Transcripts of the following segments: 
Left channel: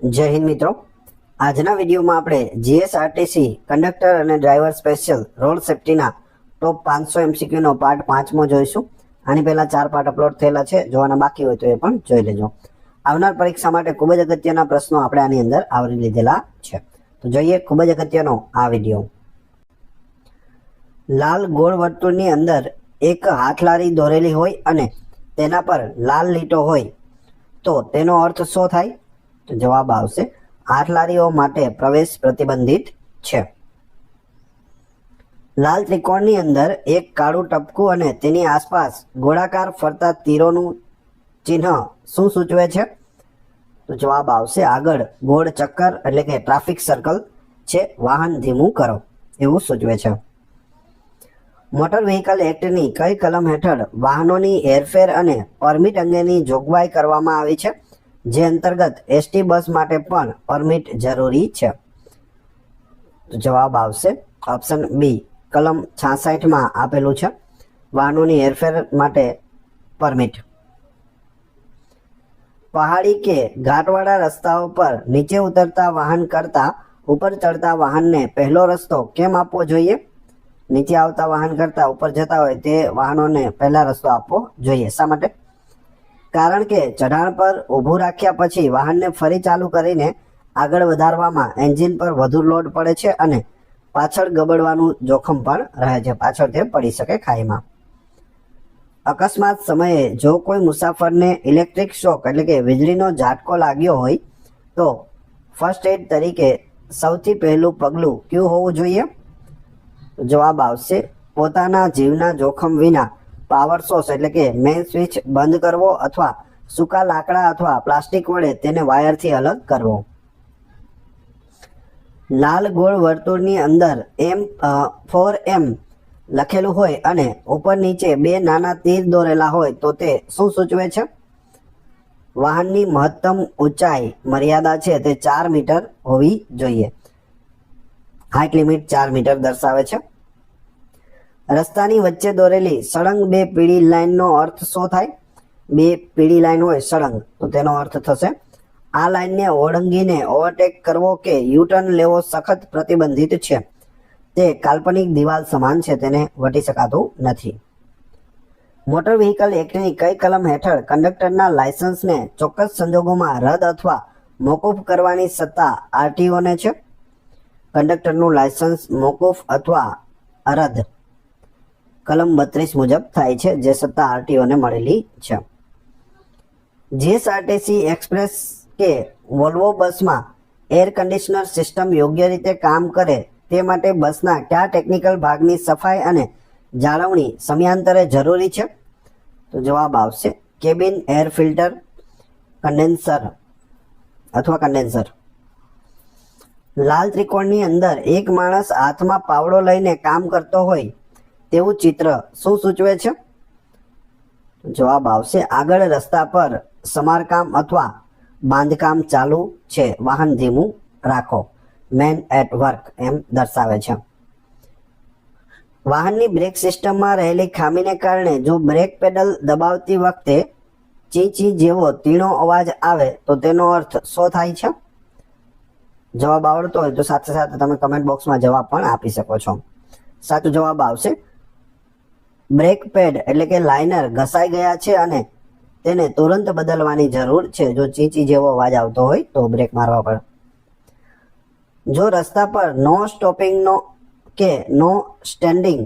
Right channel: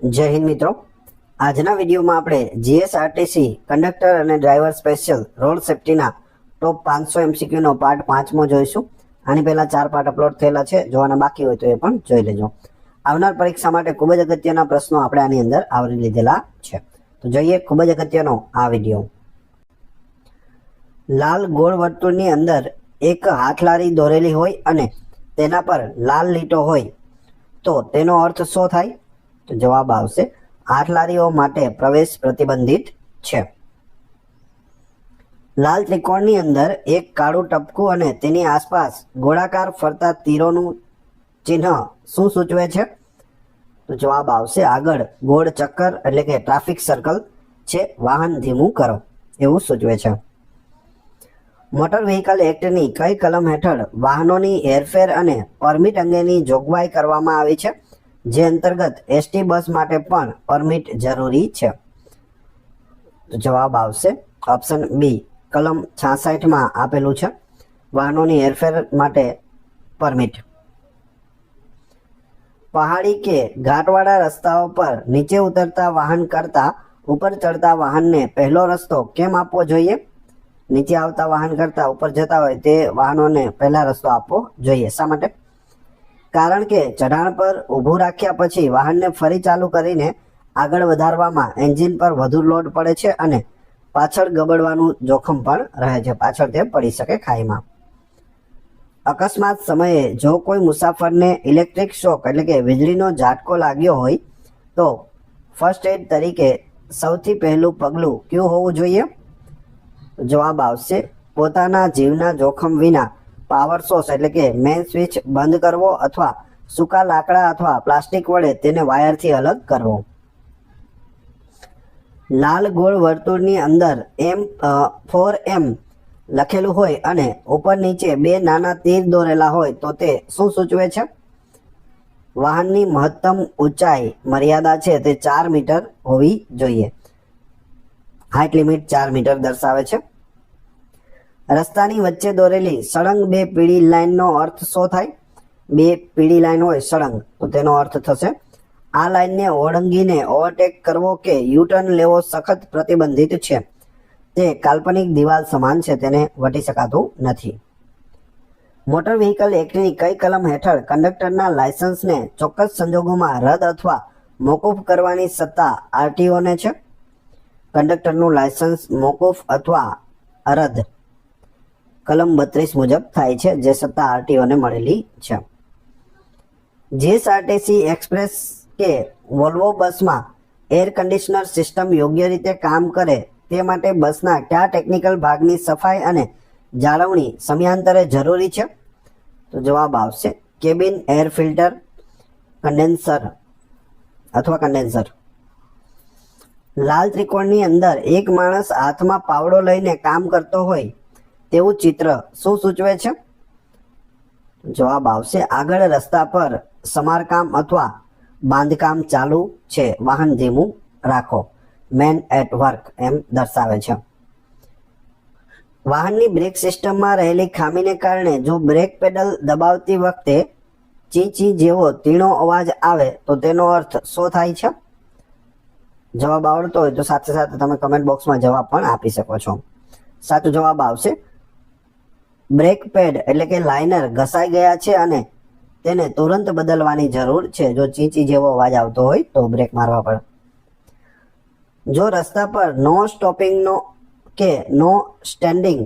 જય હિન્દ મિત્રો, આજના વિડીયોમાં આપણે જીએસઆરટીસી કંડક્ટર અને ડ્રાઈવર સ્પેશિયલ રોડ સેફ્ટીના ટોપ 500 એમસીક્યુનો પાર્ટ 5મો જોઈશું. આની પહેલા 4 પાર્ટ અપલોડ થયેલા છે, જોવાના બાકી હોય તો એ પણ જોઈ લેજો. આવનાર પરીક્ષા માટે ખૂબ જ અગત્યના પ્રશ્નો આપણે આની અંદર આવરી લીધેલા છે. તો જોઈએ ખૂબ જ અગત્યનો આ વિડીયો. લાલ ગોળ વર્તુળની અંદર એક હાથલારી દોરેલી હોય અને તેના પર લાલ લીટો હોય તો તેનો અર્થ શું થાય? તો જવાબ આવશે હાથલારીઓ માટે પ્રવેશ પ્રતિબંધિત છે. લાલ ત્રિકોણની અંદર એક કાળું ટપકું અને તેની આસપાસ ગોળાકાર ફરતા તીરોનું ચિહ્ન શું સૂચવે છે? તો જવાબ આવશે આગળ ગોળ ચક્કર એટલે કે ટ્રાફિક સર્કલ છે, વાહન ધીમું કરો એવું સૂચવે છે. મોટર વ્હીકલ એક્ટની કઈ કલમ હેઠળ વાહનોની હેરફેર અને પરમિટ અંગેની જોગવાઈ કરવામાં આવી છે, જે અંતર્ગત એસટી બસ માટે પણ પરમિટ જરૂરી છે? તો જવાબ આવશે ઓપ્શન બી કલમ 66 આપેલું છે, વાહનોની હેરફેર માટે પરમિટ. પહાડી કે ઘાટવાળા રસ્તાઓ પર નીચે ઉતરતા વાહન કરતા ઉપર ચડતા વાહનને પહેલો રસ્તો કેમ આપવો જોઈએ? નીચે આવતા વાહન કરતા ઉપર જતા હોય તે વાહનોને પહેલા રસ્તો આપવો જોઈએ. શા માટે? કારણ કે ચઢાણ પર ઊભું રાખ્યા પછી વાહનને ફરી ચાલુ કરીને આગળ વધારવામાં એન્જિન પર વધુ લોડ પડે છે અને પાછળ ગબડવાનું જોખમ પણ રહે છે, પાછળ તે પડી શકે ખાઈમાં. અકસ્માત સમયે જો કોઈ મુસાફરને ઇલેક્ટ્રિક શોક એટલે કે વીજળીનો ઝાટકો લાગ્યો હોય તો ફર્સ્ટ એડ તરીકે સૌથી પહેલું પગલું કયું હોવું જોઈએ? જવાબ આવશે પોતાના જીવના જોખમ વિના પાવર સોર્સ એટલે કે મેઇન સ્વિચ બંધ કરવો અથવા સૂકા લાકડા અથવા પ્લાસ્ટિક વડે તેને વાયરથી અલગ કરવો. લાલ ગોળ વર્તુળની અંદર M4M લખેલું હોય અને ઉપર નીચે 2 નાના તીર દોરેલા હોય તો તે શું સૂચવે છે? વાહનની મહત્તમ ઊંચાઈ મર્યાદા છે તે 4 મીટર હોવી જોઈએ. હાઇટ લિમિટ 4 મીટર દર્શાવે છે. રસ્તાની વચ્ચે દોરેલી સળંગ 2 પીળી લાઇનનો અર્થ શું થાય? 2 પીળી લાઇન હોય સળંગ તો તેનો અર્થ થશે આ લાઇનને ઓળંગીને ઓવરટેક કરવો કે યુટર્ન લેવો સખત પ્રતિબંધિત છે. તે કાલ્પનિક દિવાલ સમાન છે, તેને વટી શકાતું નથી. મોટર વ્હીકલ એક્ટની કઈ કલમ હેઠળ કંડક્ટરના લાયસન્સને ચોક્કસ સંજોગોમાં રદ અથવા મોકૂફ કરવાની સત્તા આરટીઓને છે? કંડક્ટરનું લાયસન્સ મોકૂફ અથવા રદ કલમ 32 મુજબ થાય છે, જે સત્તા આરટીઓને મળેલી છે. જીએસઆરટીસી એક્સપ્રેસ કે વોલ્વો બસમાં એર કન્ડિશનર સિસ્ટમ યોગ્ય રીતે કામ કરે તે માટે બસના કયા ટેકનિકલ ભાગની સફાઈ અને જાળવણી સમયાંતરે જરૂરી છે? તો જવાબ આવશે કેબિન એર ફિલ્ટર કન્ડેન્સર અથવા કન્ડેન્સર. લાલ ત્રિકોણની અંદર એક માણસ હાથમાં પાવડો લઈને કામ કરતો હોય તેવું ચિત્ર શું સૂચવે છે? જવાબ આવશે આગળ રસ્તા પર સમારકામ અથવા બાંધકામ ચાલુ છે, વાહન ધીમું રાખો, મેન એટ વર્ક એમ દર્શાવે છે. વાહનની બ્રેક સિસ્ટમમાં રહેલી ખામીને કારણે જો બ્રેક પેડલ દબાવતી વખતે ચી ચી જેવો તીણો અવાજ આવે તો તેનો અર્થ શું થાય છે? જવાબ આવડતો હોય તો સાથે સાથે તમે કમેન્ટ બોક્સમાં જવાબ પણ આપી શકો છો. સાચો જવાબ આવશે બ્રેક પેડ એટલે કે લાઇનર ઘસાઈ ગયા છે અને તેને તુરંત બદલવાની જરૂર છે. જો ચીંચી જેવો અવાજ આવતો હોય તો બ્રેક મારવા પડે. જો રસ્તા પર નો સ્ટોપિંગનો કે નો સ્ટેન્ડિંગ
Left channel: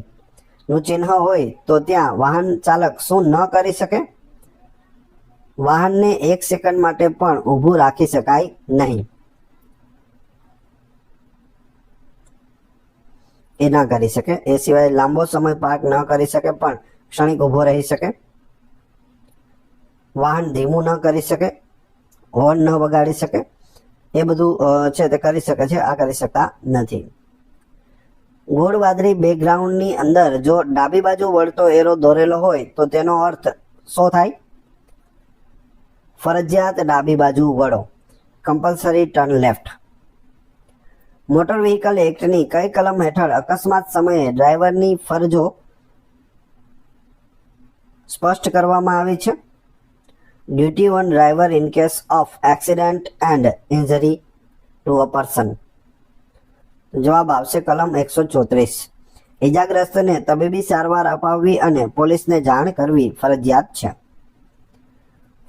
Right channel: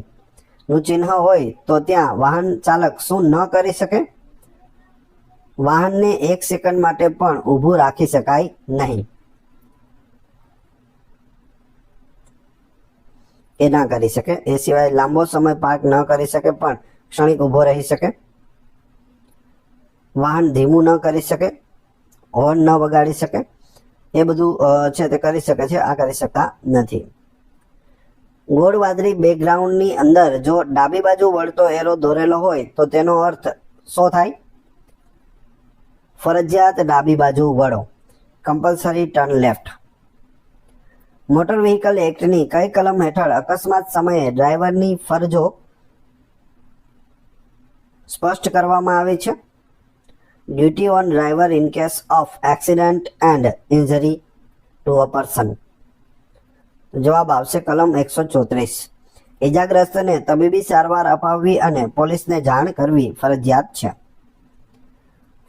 નું ચિહ્ન હોય તો ત્યાં વાહન ચાલક શું ન કરી શકે? વાહનને 1 સેકન્ડ માટે પણ ઊભું રાખી શકાય નહીં. એ ના કરી શકે. એ સિવાય લાંબો સમય પાર્ક ન કરી શકે પણ ક્ષણિક ઊભો રહી શકે. વાહન ધીમું ન કરી શકે, હોર્ન ન વગાડી શકે, એ બધું છે તે કરી શકે છે, આ કરી શકતા નથી. ગોળ વાદળી બેકગ્રાઉન્ડની અંદર જો ડાબી બાજુ વળતો એરો દોરેલો હોય તો તેનો અર્થ શું થાય? ફરજિયાત ડાબી બાજુ વળો, compulsory turn left. Motor vehicle એક્ટની કઈ કલમ હેઠળ અકસ્માત સમયે ડ્રાઈવરની ફરજો સ્પષ્ટ કરવામાં આવી છે? Duty on driver in case of accident and injury to a person. જવાબ આવશે કલમ 134. ઇજાગ્રસ્તને તબીબી સારવાર અપાવવી અને પોલીસને જાણ કરવી ફરજિયાત છે.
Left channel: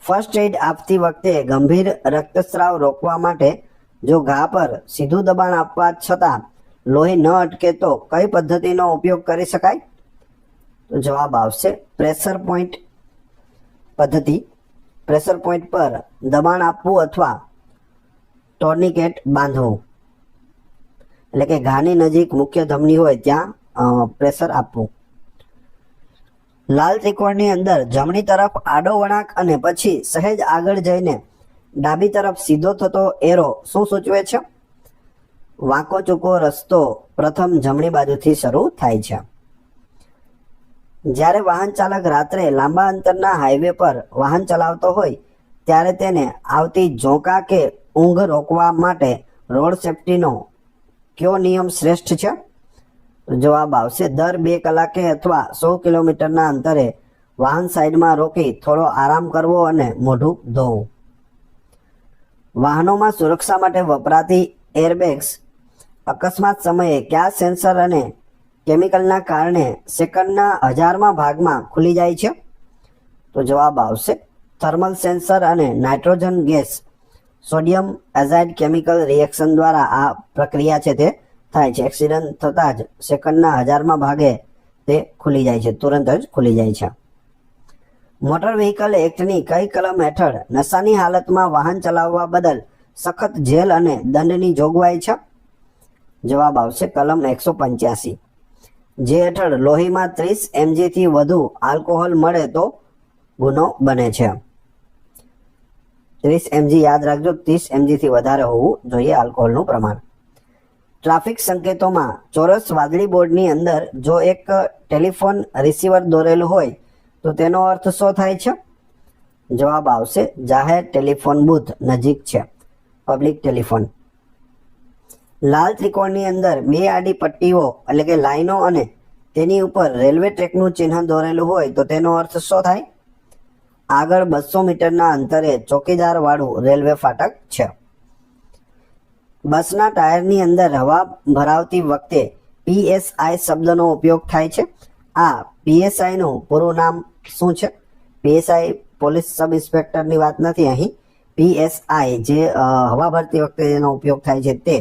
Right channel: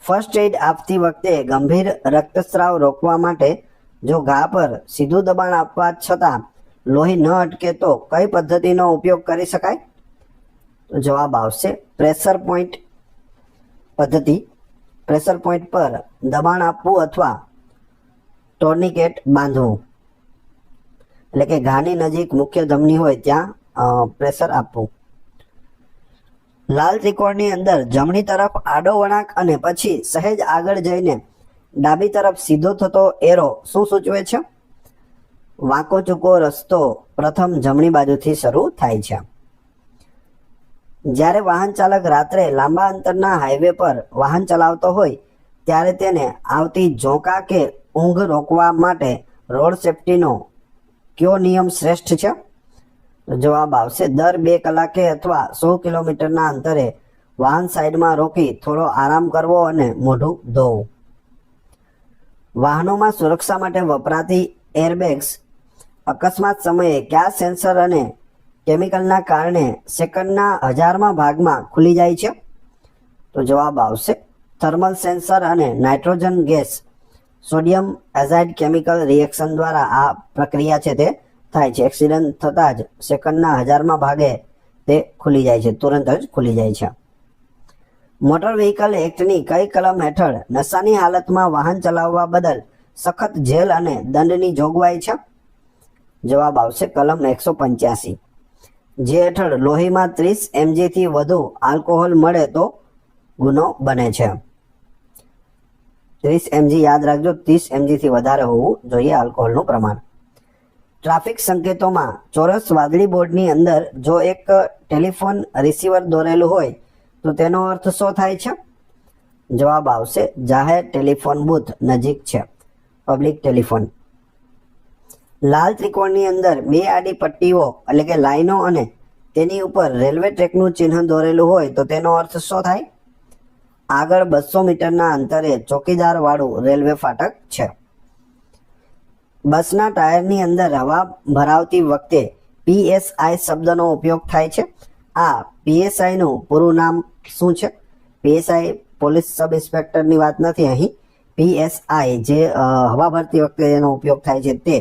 ફર્સ્ટ એડ આપતી વખતે ગંભીર રક્તસ્રાવ રોકવા માટે જો ઘા પર સીધું દબાણ આપવા છતાં લોહી ન અટકે તો કઈ પદ્ધતિનો ઉપયોગ કરી શકાય? તો જવાબ આવશે પ્રેશર પોઈન્ટ પદ્ધતિ. પ્રેશર પોઈન્ટ પર દબાણ આપવું અથવા ટોર્નિકેટ બાંધવું, એટલે કે ઘાની નજીક મુખ્ય ધમની હોય ત્યાં પ્રેશર આપવું. લાલ ત્રિકોણની અંદર જમણી તરફ આડો વળાંક અને પછી સહેજ આગળ જઈને ડાબી તરફ સીધો થતો એરો શું સૂચવે છે? વાંકો ચૂકો રસ્તો પ્રથમ જમણી બાજુથી શરૂ થાય છે. જ્યારે વાહન ચાલક રાત્રે લાંબા અંતરના હાઈવે પર વાહન ચલાવતો હોય ત્યારે તેને આવતી ઝોકા કે ઊંઘ રોકવા માટે રોડ સેફટીનો કયો નિયમ શ્રેષ્ઠ છે? જવાબ આવશે દર 2 કલાકે અથવા 100 કિલોમીટરના અંતરે વાહન સાઈડમાં રોકી થોડો આરામ કરવો અને મોઢું ધોવું. વાહનોમાં સુરક્ષા માટે વપરાતી એરબેગ્સ અકસ્માત સમયે કયા સેન્સર અને કેમિકલના કારણે સેકન્ડના 1000મા ભાગમાં ખુલી જાય છે? તો જવાબ આવશે થર્મલ સેન્સર અને nitrogen gas sodium azide chemical reaction દ્વારા આ પ્રક્રિયા છે તે થાય છે. એક્સિડન્ટ થતાં જ સેકન્ડના 1000મા ભાગે તે ખુલી જાય છે, તુરંત જ ખુલી જાય છે. મોટર વ્હીકલ એક્ટની કઈ કલમ હેઠળ નશાની હાલતમાં વાહન ચલાવવા બદલ સખત જેલ અને દંડની જોગવાઈ છે? જવાબ આવશે કલમ 185, જે હેઠળ લોહીમાં 30 mg થી વધુ આલ્કોહોલ મળે તો ગુનો બને છે. 30 mg યાદ રાખજો, 30 mg થી વધારે હોવું જોઈએ આલ્કોહોલનું પ્રમાણ. ટ્રાફિક સંકેતોમાં ચોરસ વાદળી બોર્ડની અંદર જો એક ટેલિફોન રિસીવર દોરેલું હોય તો તેનો અર્થ શું થાય છે? જવાબ આવશે જાહેર ટેલિફોન બૂથ નજીક છે, પબ્લિક ટેલિફોન. લાલ ત્રિકોણની અંદર 2 આડી પટ્ટીઓ એટલે કે લાઈનો અને તેની ઉપર રેલવે ટ્રેકનું ચિહ્ન દોરેલું હોય તો તેનો અર્થ શું થાય? આગળ 200 મીટરના અંતરે ચોકીદાર વાળું રેલવે ફાટક છે. બસના ટાયરની અંદર હવા ભરાવતી વખતે PSI શબ્દનો ઉપયોગ થાય છે. આ PSI નું પૂરું નામ શું છે? PSI પોલીસ સબ ઇન્સ્પેક્ટરની વાત નથી અહીં. PSI જે હવા ભરતી વખતે એનો ઉપયોગ થાય છે તે.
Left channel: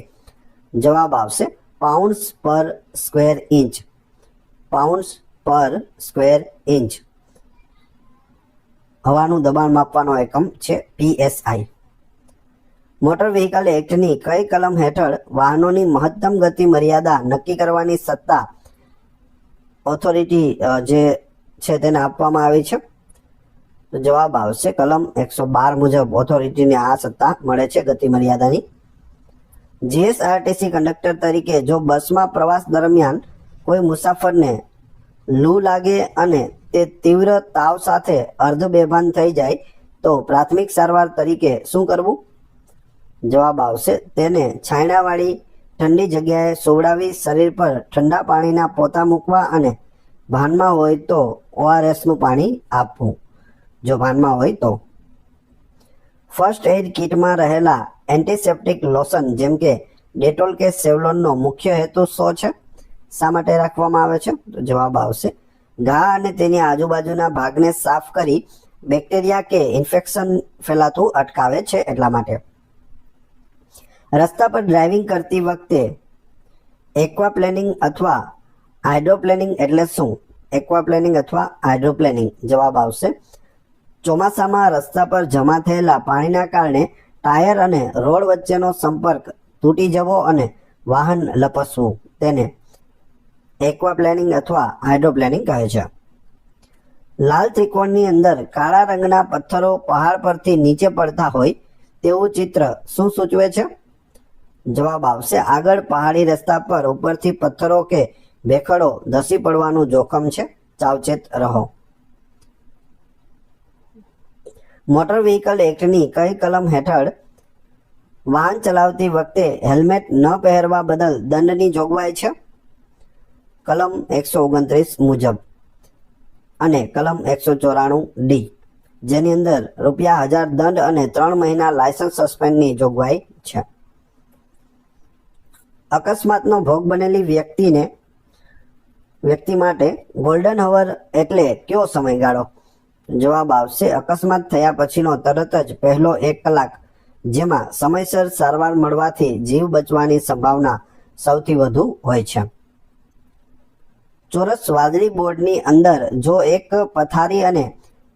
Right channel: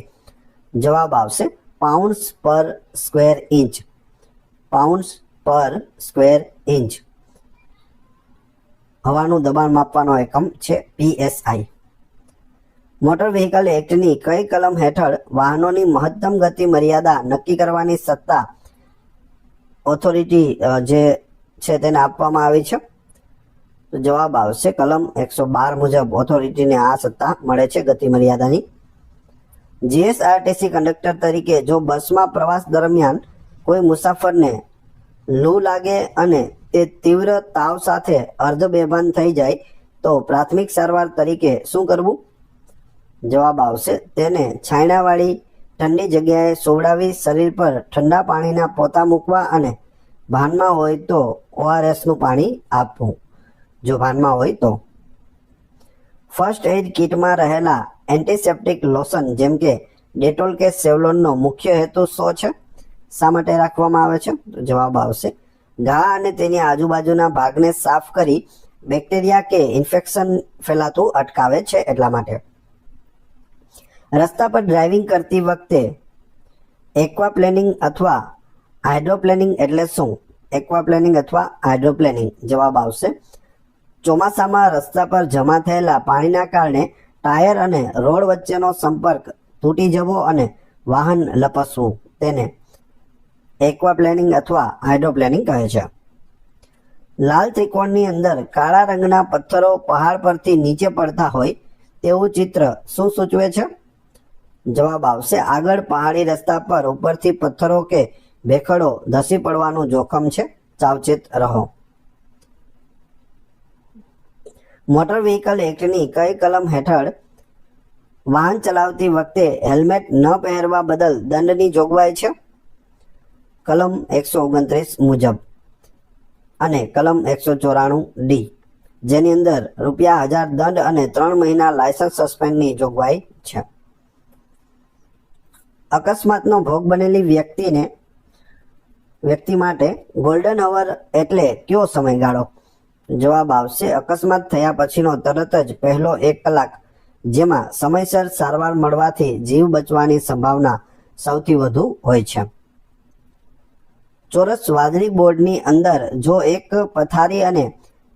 જવાબ આવશે પાઉન્ડ્સ પર સ્ક્વેર ઇંચ. પાઉન્ડ્સ પર સ્ક્વેર ઇંચ હવાનું દબાણ માપવાનો એકમ છે PSI. મોટર વ્હીકલ એક્ટની કઈ કલમ હેઠળ વાહનોની મહત્તમ ગતિ મર્યાદા નક્કી કરવાની સત્તા ઓથોરિટી જે છે તેને આપવામાં આવી છે? તો જવાબ આવશે કલમ 112 મુજબ ઓથોરિટીને આ સત્તા મળે છે ગતિ મર્યાદાની. GSRTC કંડક્ટર તરીકે જો બસમાં પ્રવાસ દરમિયાન કોઈ મુસાફરને લૂ લાગે અને તે તીવ્ર તાવ સાથે અર્ધ બેભાન થઈ જાય તો પ્રાથમિક સારવાર તરીકે શું કરવું? જવાબ આવશે તેને છાંયડાવાળી ઠંડી જગ્યાએ સુવડાવી શરીર પર ઠંડા પાણીના પોતા મૂકવા અને ભાનમાં હોય તો ORSનું પાણી આપવું, જો ભાનમાં હોય તો. ફર્સ્ટ એડ કિટમાં રહેલા એન્ટીસેપ્ટિક લોશન જેમ કે ડેટોલ કે સેવલોનનો મુખ્ય હેતુ શું છે? શા માટે રાખવામાં આવે છે? તો જવાબ આવશે ઘા અને તેની આજુબાજુના ભાગને સાફ કરી બેક્ટેરિયા કે ઇન્ફેક્શન ફેલાતું અટકાવે છે એટલા માટે. રસ્તા પર ડ્રાઇવિંગ કરતી વખતે એક્વાપ્લેનિંગ અથવા હાઇડ્રોપ્લેનિંગ એટલે શું? એક્વાપ્લેનિંગ અથવા હાઇડ્રોપ્લેનિંગ. જવાબ આવશે ચોમાસામાં રસ્તા પર જમા થયેલા પાણીના કારણે ટાયર અને રોડ વચ્ચેનો સંપર્ક તૂટી જવો અને વાહન લપસવું તેને એક્વાપ્લેનિંગ અથવા હાઇડ્રોપ્લેનિંગ કહે છે. લાલ ત્રિકોણની અંદર કાળા રંગના પથ્થરો પહાડ પરથી નીચે પડતા હોય તેવું ચિત્ર શું સૂચવે છે? જવાબ આવશે આગળ પહાડી રસ્તા પર ઉપરથી પથ્થરો કે ભેખડો ધસી પડવાનું જોખમ છે, સાવચેત રહો. મોટર વ્હીકલ એક્ટની કઈ કલમ હેઠળ વાહન ચલાવતી વખતે હેલ્મેટ ન પહેરવા બદલ દંડની જોગવાઈ છે? કલમ 129 મુજબ અને કલમ 194D. જેની અંદર ₹1000 દંડ અને 3 મહિના લાયસન્સ સસ્પેન્ડની જોગવાઈ છે. અકસ્માતનો ભોગ બનેલી વ્યક્તિ માટે ગોલ્ડન અવર એટલે કયો સમયગાળો? જવાબ આવશે અકસ્માત થયા પછીનો તરત જ પહેલો 1 કલાક, જેમાં સમયસર સારવાર મળવાથી જીવ બચવાની સંભાવના સૌથી વધુ હોય છે. ચોરસ વાદળી બોર્ડની અંદર જો એક પથારી અને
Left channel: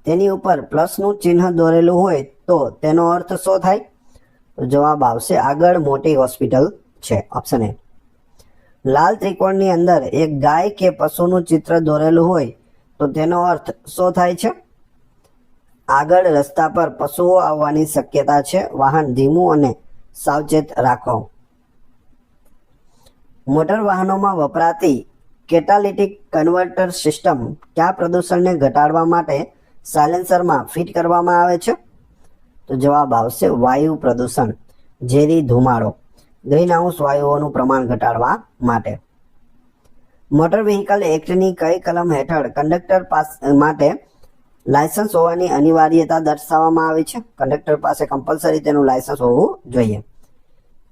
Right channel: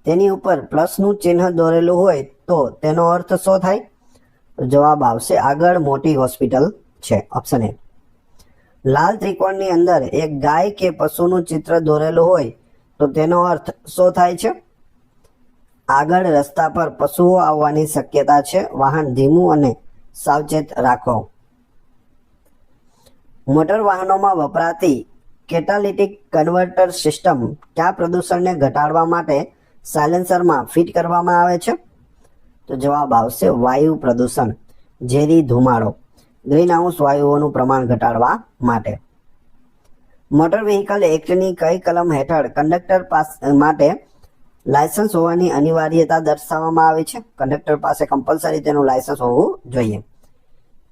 તેની ઉપર પ્લસનું ચિહ્ન દોરેલું હોય તો તેનો અર્થ શું થાય? જવાબ આવશે આગળ મોટી હોસ્પિટલ છે, ઓપ્શન એ. લાલ ત્રિકોણની અંદર એક ગાય કે પશુનું ચિત્ર દોરેલું હોય તો તેનો અર્થ શું થાય છે? આગળ રસ્તા પર પશુઓ આવવાની શક્યતા છે, વાહન ધીમું અને સાવચેત રાખો. મોટર વાહનોમાં વપરાતી કેટાલિટિક કન્વર્ટર સિસ્ટમ કયા પ્રદૂષણને ઘટાડવા માટે સાયલેન્સરમાં ફિટ કરવામાં આવે છે? તો જવાબ આવશે વાયુ પ્રદૂષણ, ઝેરી ધુમાડો, ગ્રીનહાઉસ વાયુઓનું પ્રમાણ ઘટાડવા માટે. મોટર વ્હીકલ એક્ટની કઈ કલમ હેઠળ કંડક્ટર માટે લાયસન્સ હોવાની અનિવાર્યતા દર્શાવવામાં આવી છે? કંડક્ટર પાસે કમ્પલસરી તેનું લાયસન્સ હોવું જોઈએ.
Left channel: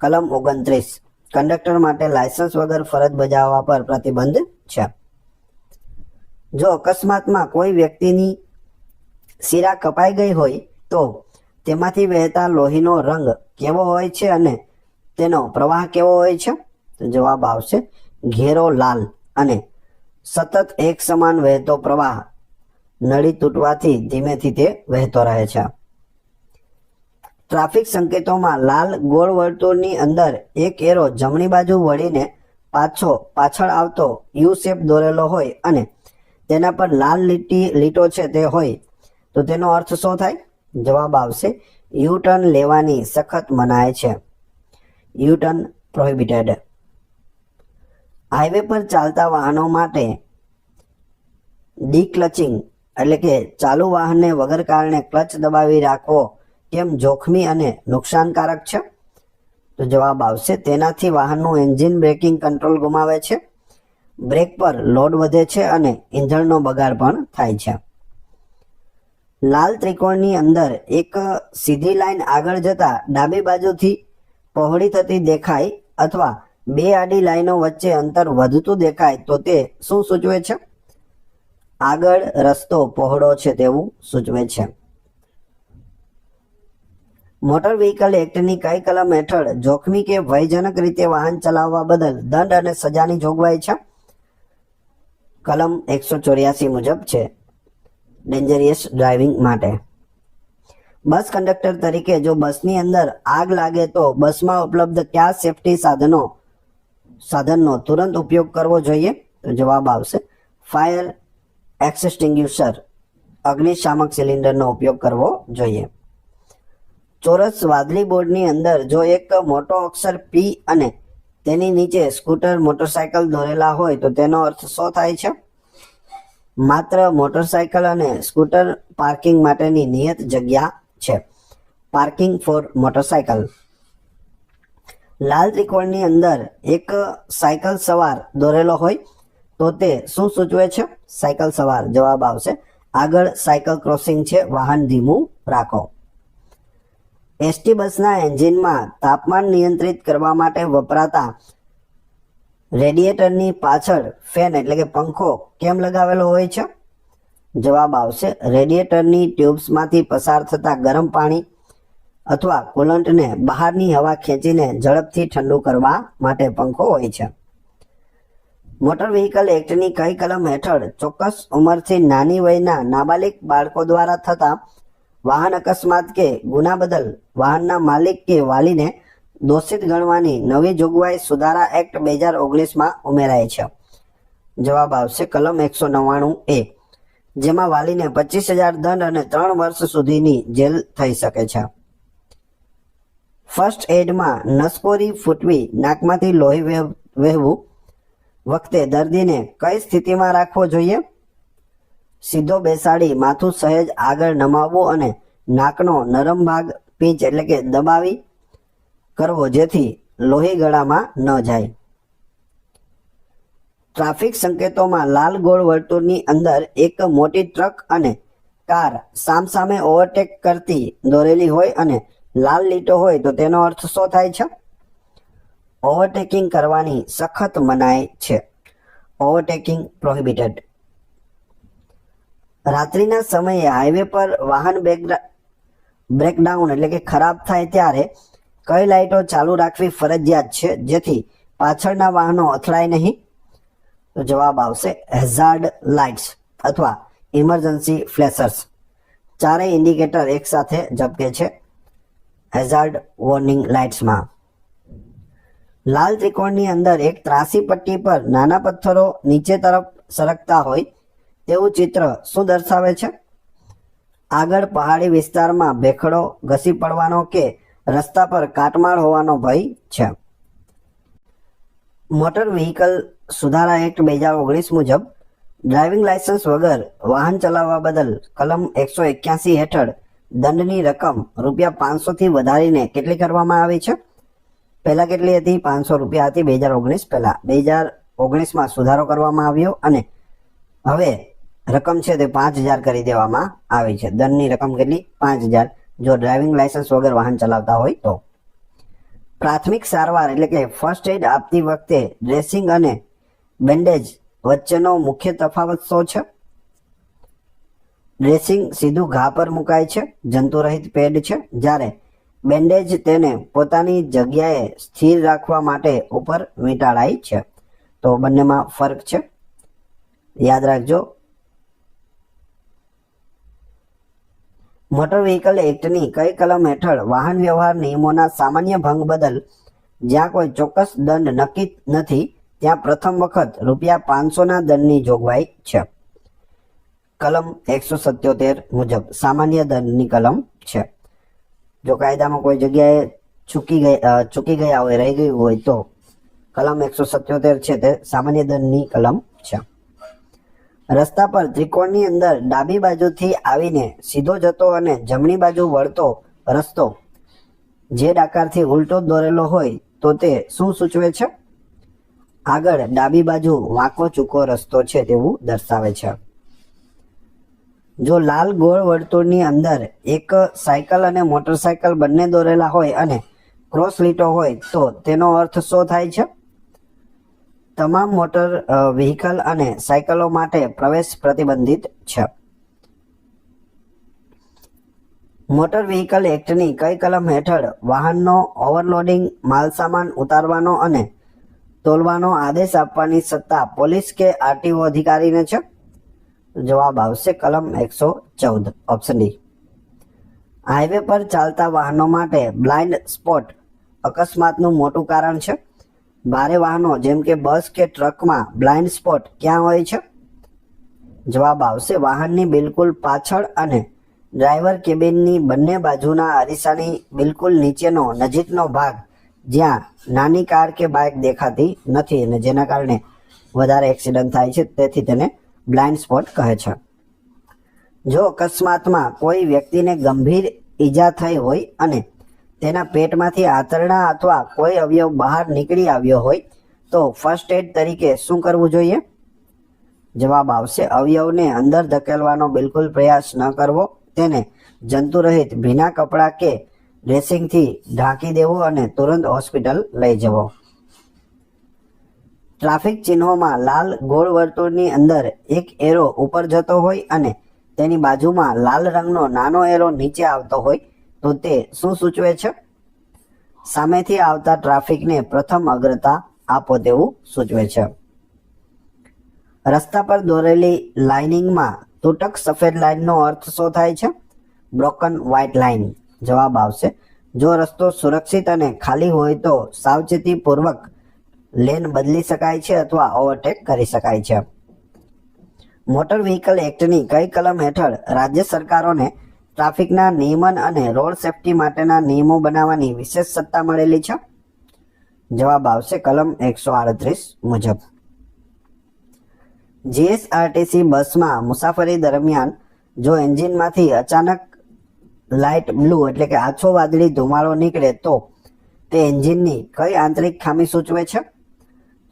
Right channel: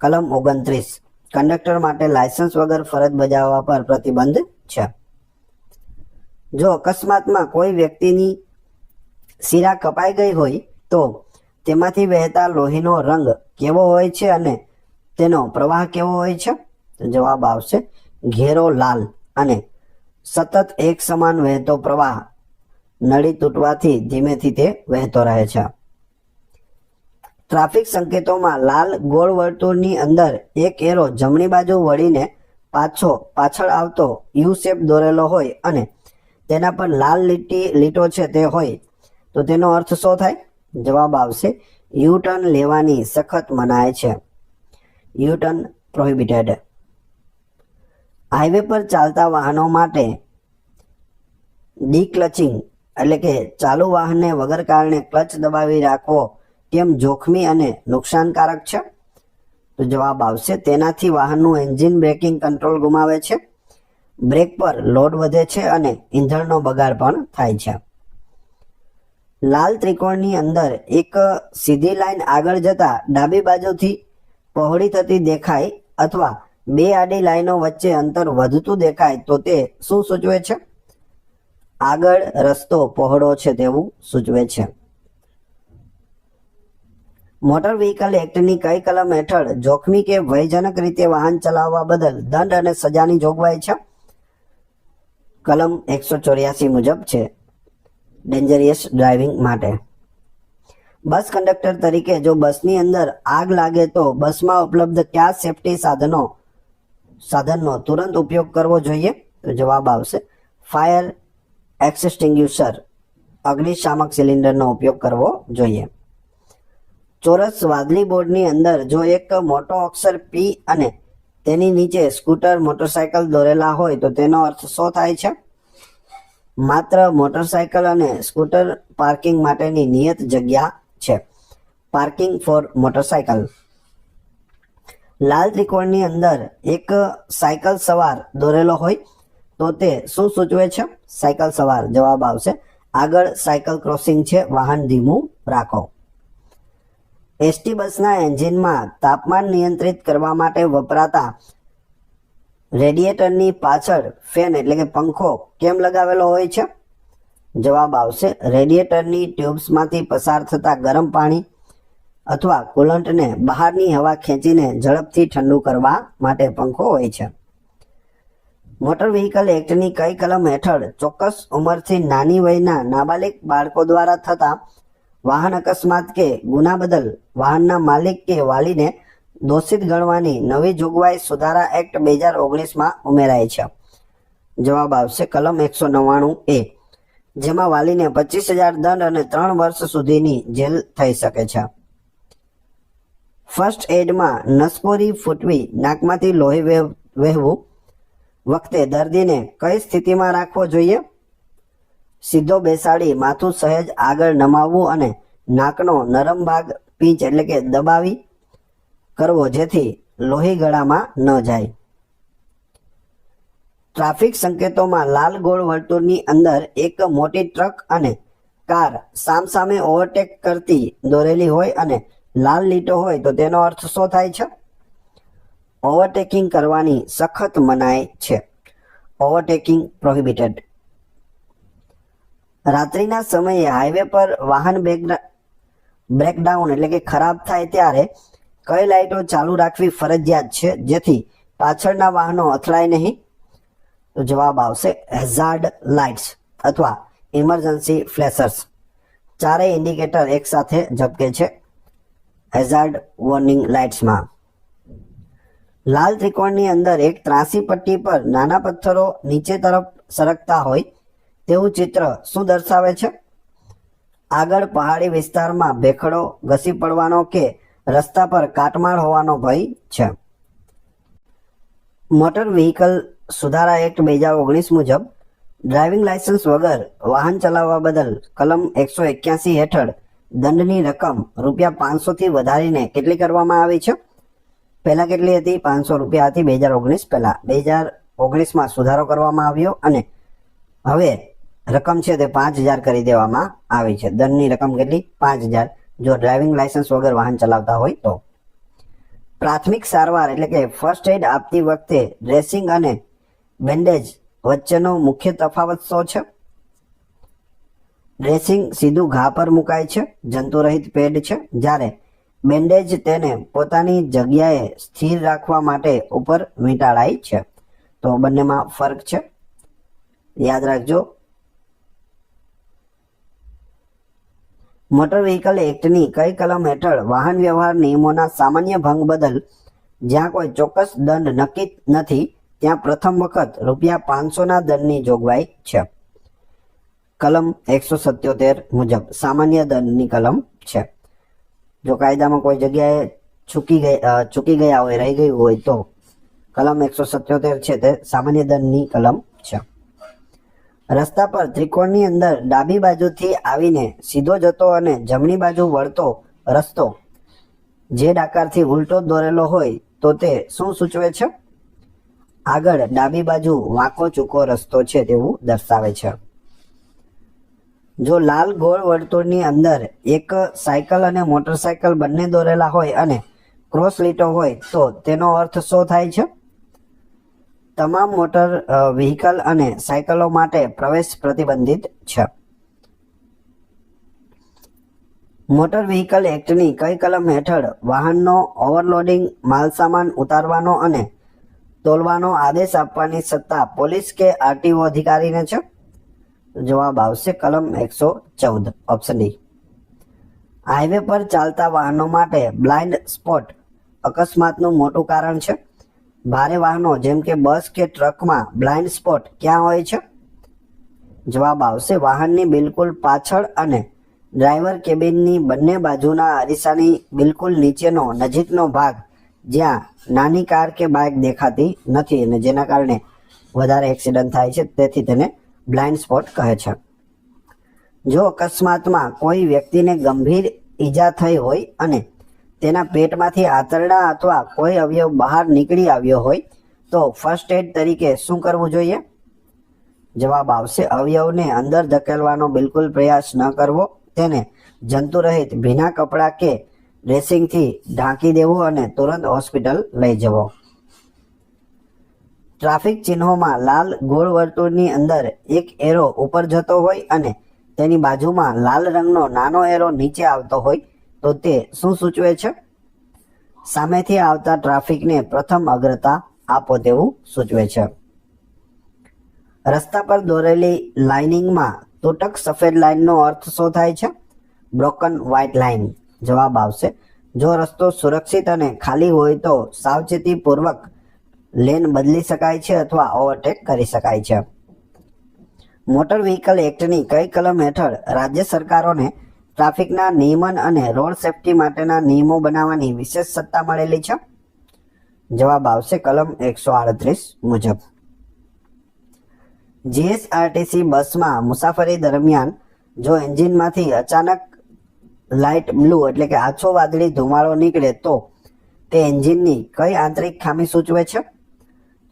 કલમ 29, કંડક્ટર માટે લાયસન્સ વગર ફરજ બજાવવા પર પ્રતિબંધ છે. જો અકસ્માતમાં કોઈ વ્યક્તિની શિરા કપાઈ ગઈ હોય તો તેમાંથી વહેતા લોહીનો રંગ કેવો હોય છે અને તેનો પ્રવાહ કેવો હોય છે? તો જવાબ આવશે ઘેરો લાલ અને સતત એક સમાન વહેતો પ્રવાહ. નળી તૂટવાથી ધીમેથી તે વહેતો રહે છે. ટ્રાફિક સંકેતોમાં લાલ ગોળ વર્તુળની અંદર એક એરો જમણી બાજુ વળીને પાછળ આવતો યુ શેપ દોરેલો હોય અને તેના પર લાલ લીટો છે તે હોય તો તેનો અર્થ શું થાય? જવાબ આવશે યુ ટર્ન લેવાની સખત મનાય છે. U turn prohibited. હાઈવે પર ચાલતા વાહનો માટે ડીક્લચિંગ એટલે કે ચાલુ વાહનને વગર કારણે ક્લચ દબાવી રાખવો કેમ જોખમી અને નુકસાનકારક છે? તો જવાબ આવશે તેનાથી વાહનનું એન્જિન બ્રેકિંગ કંટ્રોલ ગુમાવે છે, બ્રેક પર લોડ વધે છે અને ઇંધણનો બગાડ પણ થાય છે. લાલ ત્રિકોણની અંદર એક સીધી લાઈન આગળ જતા ડાબી બાજુથી પહોળી થતી દેખાય અથવા બે આડી લાઈનો વચ્ચે અંતર વધતું દેખાય તો તે શું સૂચવે છે? આગળ રસ્તો પહોળો છે તેવું સૂચવે છે. મોટર વ્હીકલ એક્ટની કઈ કલમ હેઠળ જોખમી કે ભયજનક રીતે વાહન ચલાવવા બદલ દંડ અને સજાની જોગવાઈ છે? કલમ 184 મુજબ છે, ડેન્જરિયસ ડ્રાઇવિંગ માટે. બસ કંડક્ટર તરીકે જો બસની અંદર આગ લાગે તો બસમાં ઉપલબ્ધ કયા સેફટી સાધનનો તુરંત ઉપયોગ કરવો જોઈએ? તો જવાબ આવશે ફાયર એક્સટિંગ્યુશર, અગ્નિશામક સિલિન્ડરનો ઉપયોગ કરવો જોઈએ. ચોરસ વાદળી બોર્ડની અંદર જો એક મોટો અક્ષર પી અને તેની નીચે સ્કૂટર મોટરસાયકલ દોરેલા હોય તો તેનો અર્થ શું થાય છે? માત્ર મોટરસાયકલ અને સ્કૂટર પાર્કિંગ માટેની નિયત જગ્યા છે, પાર્કિંગ ફોર મોટરસાયકલ. લાલ ત્રિકોણની અંદર એક સાયકલ સવાર દોરેલો હોય તો તે શું સૂચવે છે? સાયકલ સવાર. જવાબ આવશે આગળ સાયકલ ક્રોસિંગ છે, વાહન ધીમું રાખો. એસટી બસના એન્જિનમાં તાપમાન નિયંત્રિત કરવા માટે વપરાતા રેડિએટરની પાછળ ફેન એટલે કે પંખો કેમ લગાવેલો હોય છે? જવાબ આવશે રેડિએટરની ટ્યુબ્સમાંથી પસાર થતા ગરમ પાણી અથવા કુલન્ટને બહારની હવા ખેંચીને ઝડપથી ઠંડુ કરવા માટે પંખો હોય છે. મોટર વ્હીકલ એક્ટની કઈ કલમ હેઠળ ચોક્કસ ઉંમરથી નાની વયના નાબાલિગ બાળકો દ્વારા થતા વાહન અકસ્માત કે ગુના બદલ વાહનના માલિક કે વાલીને દોષિત ગણવાની નવી જોગવાઈ સુધારા એક્ટ 2019માં ઉમેરાઈ છે? જવાબ આવશે કલમ 199A, જેમાં વાલીને 25,000 દંડ અને 3 વર્ષ સુધીની જેલ થઈ શકે છે. ફર્સ્ટ એડમાં નસકોરી ફૂટવી, નાકમાંથી લોહી વહેવું વખતે દર્દીને કઈ સ્થિતિમાં રાખવો જોઈએ? સીધો બેસાડી માથું સહેજ આગળ નમાવવું અને નાકનો નરમ ભાગ પીંચ એટલે કે દબાવી કરવો જેથી લોહી ગળામાં ન જાય. ટ્રાફિક સંકેતોમાં લાલ ગોળ વર્તુળની અંદર એક મોટી ટ્રક અને કાર સામસામે ઓવરટેક કરતી દોરેલી હોય અને લાલ લીટો હોય તો તેનો અર્થ શું થાય છે? ઓવરટેકિંગ કરવાની સખત મનાઈ છે. Overtaking prohibited. રાત્રિના સમયે હાઈવે પર વાહન બ્રેકડાઉન એટલે કે ખરાબ થાય ત્યારે કઈ લાઇટો ચાલુ રાખવી ફરજિયાત છે જેથી પાછળના વાહનો અથડાય નહીં? તો જવાબ આવશે હેઝાર્ડ લાઇટ્સ અથવા ઇમરજન્સી ફ્લેશર્સ. ચારેય ઇન્ડિકેટર એક સાથે ઝબકે છે હેઝાર્ડ વોર્નિંગ લાઇટ્સમાં. લાલ ત્રિકોણની અંદર એક ત્રાસી પટ્ટી પર નાના પથ્થરો નીચે તરફ સરકતા હોય તેવું ચિત્ર શું દર્શાવે છે? આગળ પહાડી વિસ્તારમાં ભેખડો ઘસી પડવાનો કે રસ્તા પર કાટમાળ હોવાનો ભય છે. મોટર વ્હીકલ સુધારા એક્ટ 2019 મુજબ ડ્રાઇવિંગ લાયસન્સ વગર વાહન ચલાવવા બદલ કલમ 181 હેઠળ દંડની રકમ ₹500 થી વધારીને કેટલી કરવામાં આવી છે? પહેલા કેટલી હતી? ₹500 હતી 2019 પહેલા. 2019માં સુધારો કરવામાં આવ્યો અને હવે રકમ છે તે 5000 કરી દેવામાં આવી છે. દંડની રકમ કેટલી? 5000 જો ડ્રાઇવિંગ લાયસન્સ વગર વાહન ચલાવતા હોય તો. પ્રાથમિક સારવાર એટલે કે ફર્સ્ટ એડ આપતી વખતે ડ્રેસિંગ અને બેન્ડેજ વચ્ચેનો મુખ્ય તફાવત શું છે? ડ્રેસિંગ સીધું ઘા પર મુકાય છે, જંતુરહિત પેડ છે, જ્યારે બેન્ડેજ તેને પોતાની જગ્યાએ સ્થિર રાખવા માટે ઉપર વીંટાળાય છે. તો બંનેમાં ફરક છે, યાદ રાખજો. મોટર વ્હીકલ એક્ટની કઈ કલમ હેઠળ વાહન વ્યવહાર નિયમોના સામાન્ય ભંગ બદલ જ્યાં કોઈ ચોક્કસ દંડ નક્કી નથી ત્યાં પ્રથમ વખત ₹500ના દંડની જોગવાઈ છે? કલમ 177 મુજબ સામાન્ય દંડની કલમ છે. જો કાયદામાં કોઈ જગ્યાએ ચૂકી ગયા હોય, રહી ગયું હોય તો કલમ 177 છે તે સામાન્ય દંડની કલમ છે. રસ્તા પર ત્રિકોણની અંદર ડાબી બાજુથી આવીને સીધો જતો અને જમણી બાજુ વળતો રસ્તો જે આકારથી ઉલટો દોરેલો હોય તો તે શું સૂચવે છે? આગળ ડાબી બાજુ વાંકો ચૂકો રસ્તો છે તેવું દર્શાવે છે. જો લાલ ગોળ વર્તુળની અંદર એક સાયકલ અને મોટરસાયકલ બંને દોરેલા હોય અને ક્રોસ લીટો હોય તો તેનો અર્થ શું થાય છે? તમામ મોટર વ્હીકલ અને સાયકલો માટે પ્રવેશ પ્રતિબંધિત છે. મોટર વ્હીકલ એક્ટની કઈ કલમ હેઠળ વાહનનો ઓવરલોડિંગ માલસામાન ઉતારવાનો અને તોલવાનો આદેશ આપવાની સત્તા પોલીસ કે આરટીઓ અધિકારીને છે? જવાબ આવશે કલમ 114 ઓપ્શન ડી. હાઈવે પર ચાલતા વાહનો માટે બ્લાઇન્ડ સ્પોટ અકસ્માતનું મોટું કારણ છે. ભારે વાહનો જેમ કે બસ કે ટ્રકમાં બ્લાઇન્ડ સ્પોટ ક્યાં હોય છે? જવાબ આવશે વાહનની બિલકુલ પાછળ અને ડ્રાઈવર કેબિનની બંને બાજુના અરીસાની બિલકુલ નીચેનો નજીકનો ભાગ જ્યાં નાની કાર કે બાઇક દેખાતી નથી અને જેના કારણે વધારે એક્સિડન્ટ થાય છે, તેથી તેને બ્લાઇન્ડ સ્પોટ કહે છે. જો અકસ્માતમાં કોઈ વ્યક્તિને ગંભીર ઈજા થઈ હોય અને તેના પેટમાંથી આંતરડા અથવા કોઈ અવયવ બહાર નીકળી આવ્યો હોય તો ફર્સ્ટ એડ તરીકે શું કરવું જોઈએ? જવાબ આવશે અવયવને અંદર ધકેલવાનો બિલકુલ પ્રયાસ ન કરવો, તેને જંતુરહિત ભીના કપડાં કે ડ્રેસિંગથી ઢાંકી દેવું અને તુરંત હોસ્પિટલ લઈ જવો. ટ્રાફિક ચિહ્નોમાં લાલ ગોળ વર્તુળની અંદર એક એરો ઉપર જતો હોય અને તેની બાજુમાં લાલ રંગનો નાનો એરો નીચે આવતો હોય તો તે શું સૂચવે છે? સામેથી આવતા ટ્રાફિકને પ્રથમ અગ્રતા આપો તેવું સૂચવે છે. રસ્તા પર દોરેલી લાઇનિંગમાં તૂટક સફેદ લાઇનનો અર્થ શું થાય છે? Broken white line. જવાબ આવશે જો રસ્તો સુરક્ષિત અને ખાલી હોય તો સાવચેતીપૂર્વક લેન બદલી શકાય છે અથવા ઓવરટેક કરી શકાય છે. મોટર વ્હીકલ એક્ટની કઈ કલમ હેઠળ રાજ્ય સરકારોને ટ્રાફિકના નિયમન અને રોડ સેફટી માટેના નિયમો બનાવવાની વિશેષ સત્તા મળેલી છે? જવાબ આવશે કલમ 138 મુજબ. જીએસઆરટીસી બસમાં મુસાફરી દરમિયાન જો એન્જિનમાંથી અચાનક લાઇટ બ્લુ એટલે કે આછો વાદળી ધુમાડો નીકળે તો તે એન્જિનની કઈ આંતરિક ખામી સૂચવે છે?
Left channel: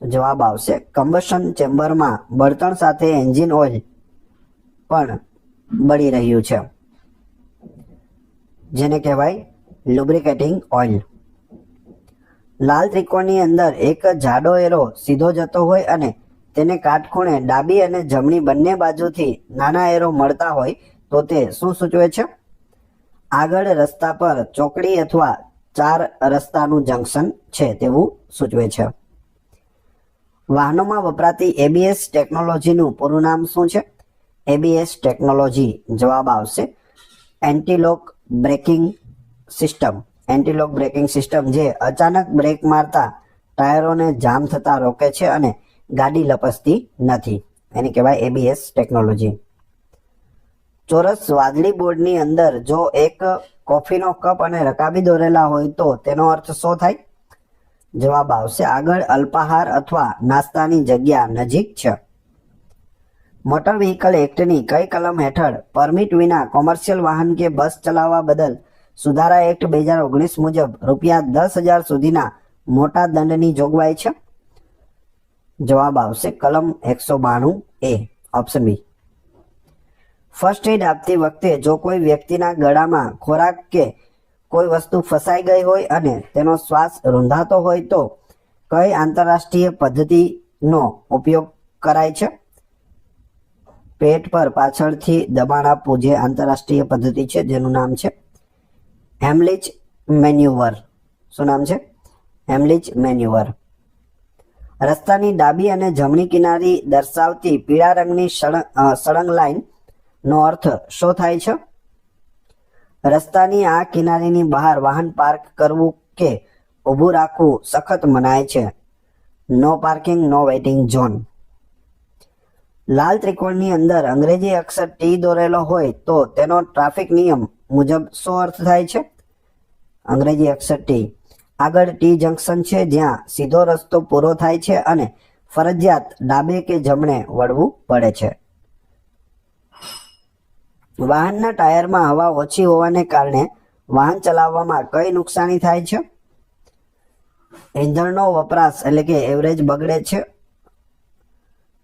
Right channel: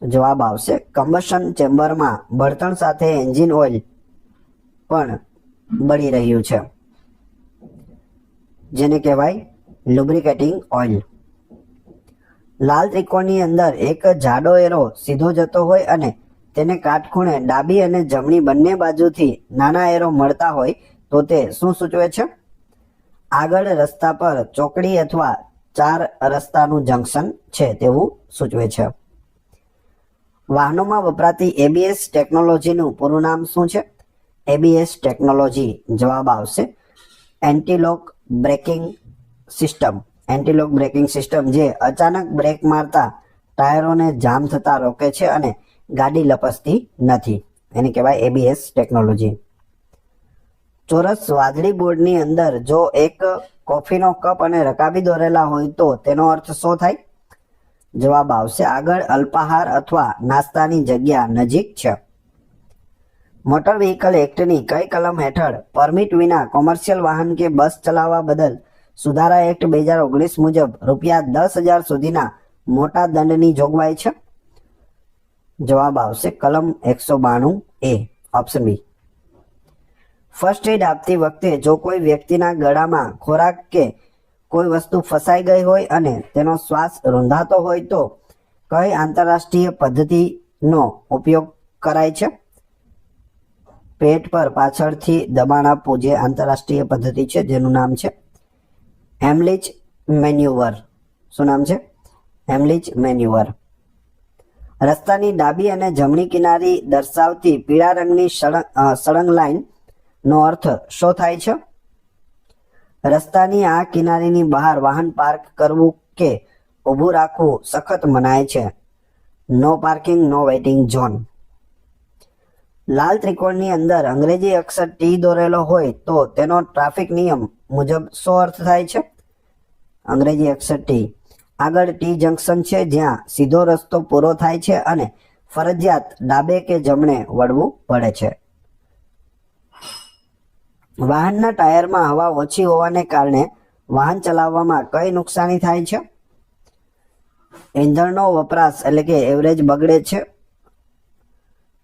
જવાબ આવશે કમ્બશન ચેમ્બરમાં બળતણ સાથે એન્જિન ઓઇલ પણ બળી રહ્યું છે, જેને કહેવાય લુબ્રિકેટિંગ ઓઇલ. લાલ ત્રિકોણની અંદર એક જાડો એરો સીધો જતો હોય અને તેને કાટખૂણે ડાબી અને જમણી બંને બાજુથી નાના એરો મળતા હોય તો તે શું સૂચવે છે? આગળ રસ્તા પર ચોકડી અથવા 4 રસ્તાનું જંકશન છે તેવું સૂચવે છે. વાહનોમાં વપરાતી ABS ટેકનોલોજીનું પૂરું નામ શું છે? ABS ટેકનોલોજી જવાબ આવશે એન્ટી-લોક બ્રેકિંગ સિસ્ટમ. એન્ટી-લોક બ્રેકિંગ સિસ્ટમ જે અચાનક બ્રેક મારતા ટાયરોને જામ થતા રોકે છે અને ગાડી લપસતી નથી, એને કહેવાય ABS ટેકનોલોજી. ચોરસ વાદળી બોર્ડની અંદર જો એક કોફીનો કપ અને રકાબી દોરેલા હોય તો તેનો અર્થ શું થાય? જવાબ આવશે આગળ અલ્પાહાર અથવા નાસ્તાની જગ્યા નજીક છે. મોટર વ્હીકલ એક્ટની કઈ કલમ હેઠળ પરમિટ વિના કોમર્શિયલ વાહન કે બસ ચલાવવા બદલ સુધારા એક્ટ 2019 મુજબ ₹10,000 સુધીના મોટા દંડની જોગવાઈ છે? જવાબ આવશે કલમ 192A, option B. First aid આપતી વખતે જો કોઈ વ્યક્તિના ગળામાં ખોરાક કે કોઈ વસ્તુ ફસાઈ ગઈ હોય અને તેનો શ્વાસ રૂંધાતો હોય તો કઈ આંતરરાષ્ટ્રીય પદ્ધતિનો ઉપયોગ કરાય છે? પેટ પર પાછળથી દબાણ આપવું જે આંતરરાષ્ટ્રીય પદ્ધતિ છે જેનું નામ છે હેમલિચ મેન્યુવર. શું નામ છે? હેમલિચ મેન્યુવર. રસ્તાની ડાબી અને જમણી કિનારી દર્શાવતી પીળા રંગની સળંગ લાઈન નો અર્થ શું થાય છે? રસ્તાની આ કિનારીની બહાર વાહન પાર્ક કરવું કે ઊભું રાખવું સખત મનાય છે. નો પાર્કિંગ, નો વેઇટિંગ ઝોન. લાલ ત્રિકોણની અંદર અંગ્રેજી અક્ષર T દોરેલો હોય તો તેનો ટ્રાફિક નિયમ મુજબ શું અર્થ થાય છે? અંગ્રેજી અક્ષર T. આગળ T જંકશન છે જ્યાં સીધો રસ્તો પૂરો થાય છે અને ફરજિયાત ડાબે કે જમણે વળવું પડે છે. વાહનના ટાયરમાં હવા ઓછી હોવાને કારણે વાહન ચલાવવામાં કઈ નુકસાની થાય છે? ઇંધણનો વપરાશ એટલે કે એવરેજ બગડે છે,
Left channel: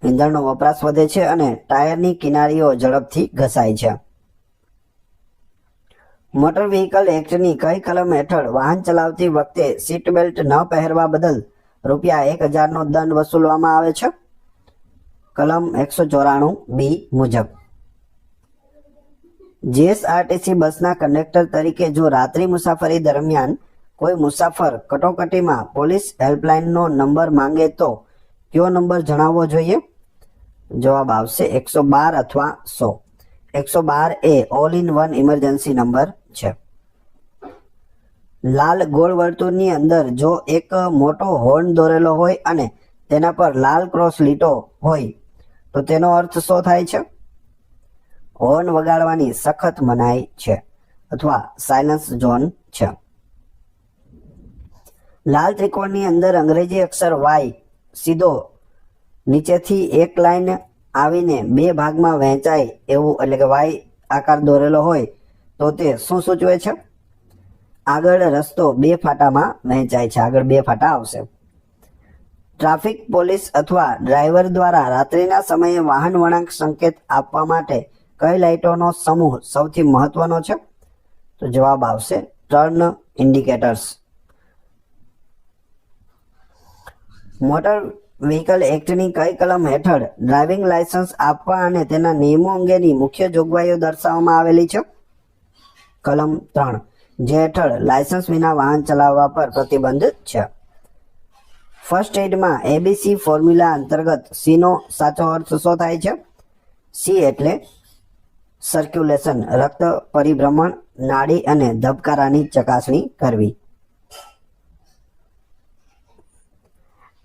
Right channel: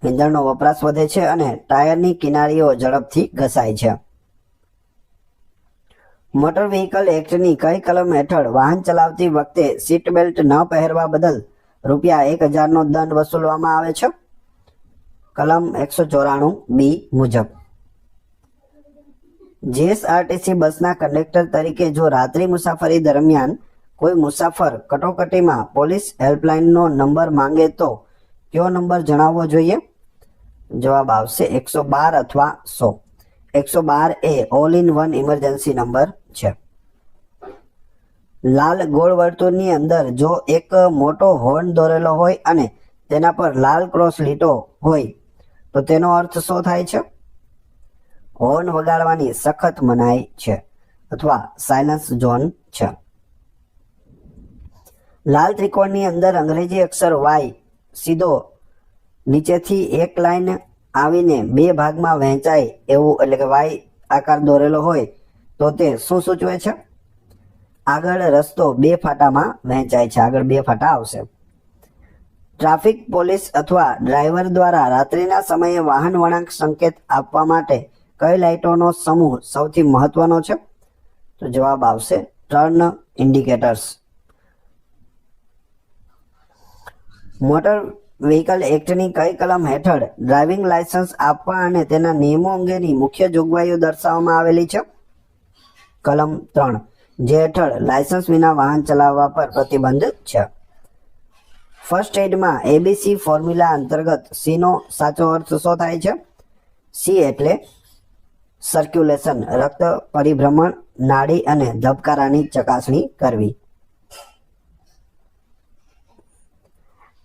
ઇંધણનો વપરાશ વધે છે અને ટાયરની કિનારીઓ ઝડપથી ઘસાય છે. મોટર વ્હીકલ એક્ટની કઈ કલમ હેઠળ વાહન ચલાવતી વખતે સીટ બેલ્ટ ન પહેરવા બદલ ₹1,000નો દંડ વસૂલવામાં આવે છે? કલમ 194B મુજબ. જીએસઆરટીસી બસના કંડક્ટર તરીકે જો રાત્રિ મુસાફરી દરમિયાન કોઈ મુસાફર કટોકટીમાં પોલીસ હેલ્પલાઇનનો નંબર માંગે તો કયો નંબર જણાવવો જોઈએ? જવાબ આવશે 112 અથવા 100. 112 એ all in one emergency number છે. લાલ ગોળ વર્તુળની અંદર જો એક મોટો હોર્ન દોરેલો હોય અને તેના પર લાલ ક્રોસ લીટો હોય તો તેનો અર્થ શું થાય છે? હોર્ન વગાડવાની સખત મનાઈ છે અથવા સાયલન્સ ઝોન છે. લાલ ત્રિકોણની અંદર અંગ્રેજી અક્ષર Y સીધો નીચેથી એક લાઈન આવીને 2 ભાગમાં વહેંચાય એવું એટલે કે Y આકાર દોરેલો હોય તો તે શું સૂચવે છે? આગળ રસ્તો 2 ફાટામાં વહેંચાય છે, આગળ 2 ફાટા આવશે. ટ્રાફિક પોલીસ અથવા ડ્રાઈવર દ્વારા રાત્રિના સમયે વાહન વળાંક સંકેત આપવા માટે કઈ લાઇટોનો સમૂહ સૌથી મહત્વનો છે? તો જવાબ આવશે ટર્ન ઇન્ડિકેટર્સ. મોટર વ્હીકલ એક્ટની કઈ કલમ હેઠળ ડ્રાઇવિંગ લાયસન્સ આપવા અને તેના નિયમો અંગેની મુખ્ય જોગવાઈઓ દર્શાવવામાં આવેલી છે? કલમ 3, જે હેઠળ લાયસન્સ વિના વાહન ચલાવવા પર પ્રતિબંધ છે. ફર્સ્ટ એડમાં ABC ફોર્મ્યુલા અંતર્ગત C નો સાચો અર્થ શું થાય છે? C એટલે સર્ક્યુલેશન, રક્ત પરિભ્રમણ, નાડી અને ધબકારાની ચકાસણી કરવી.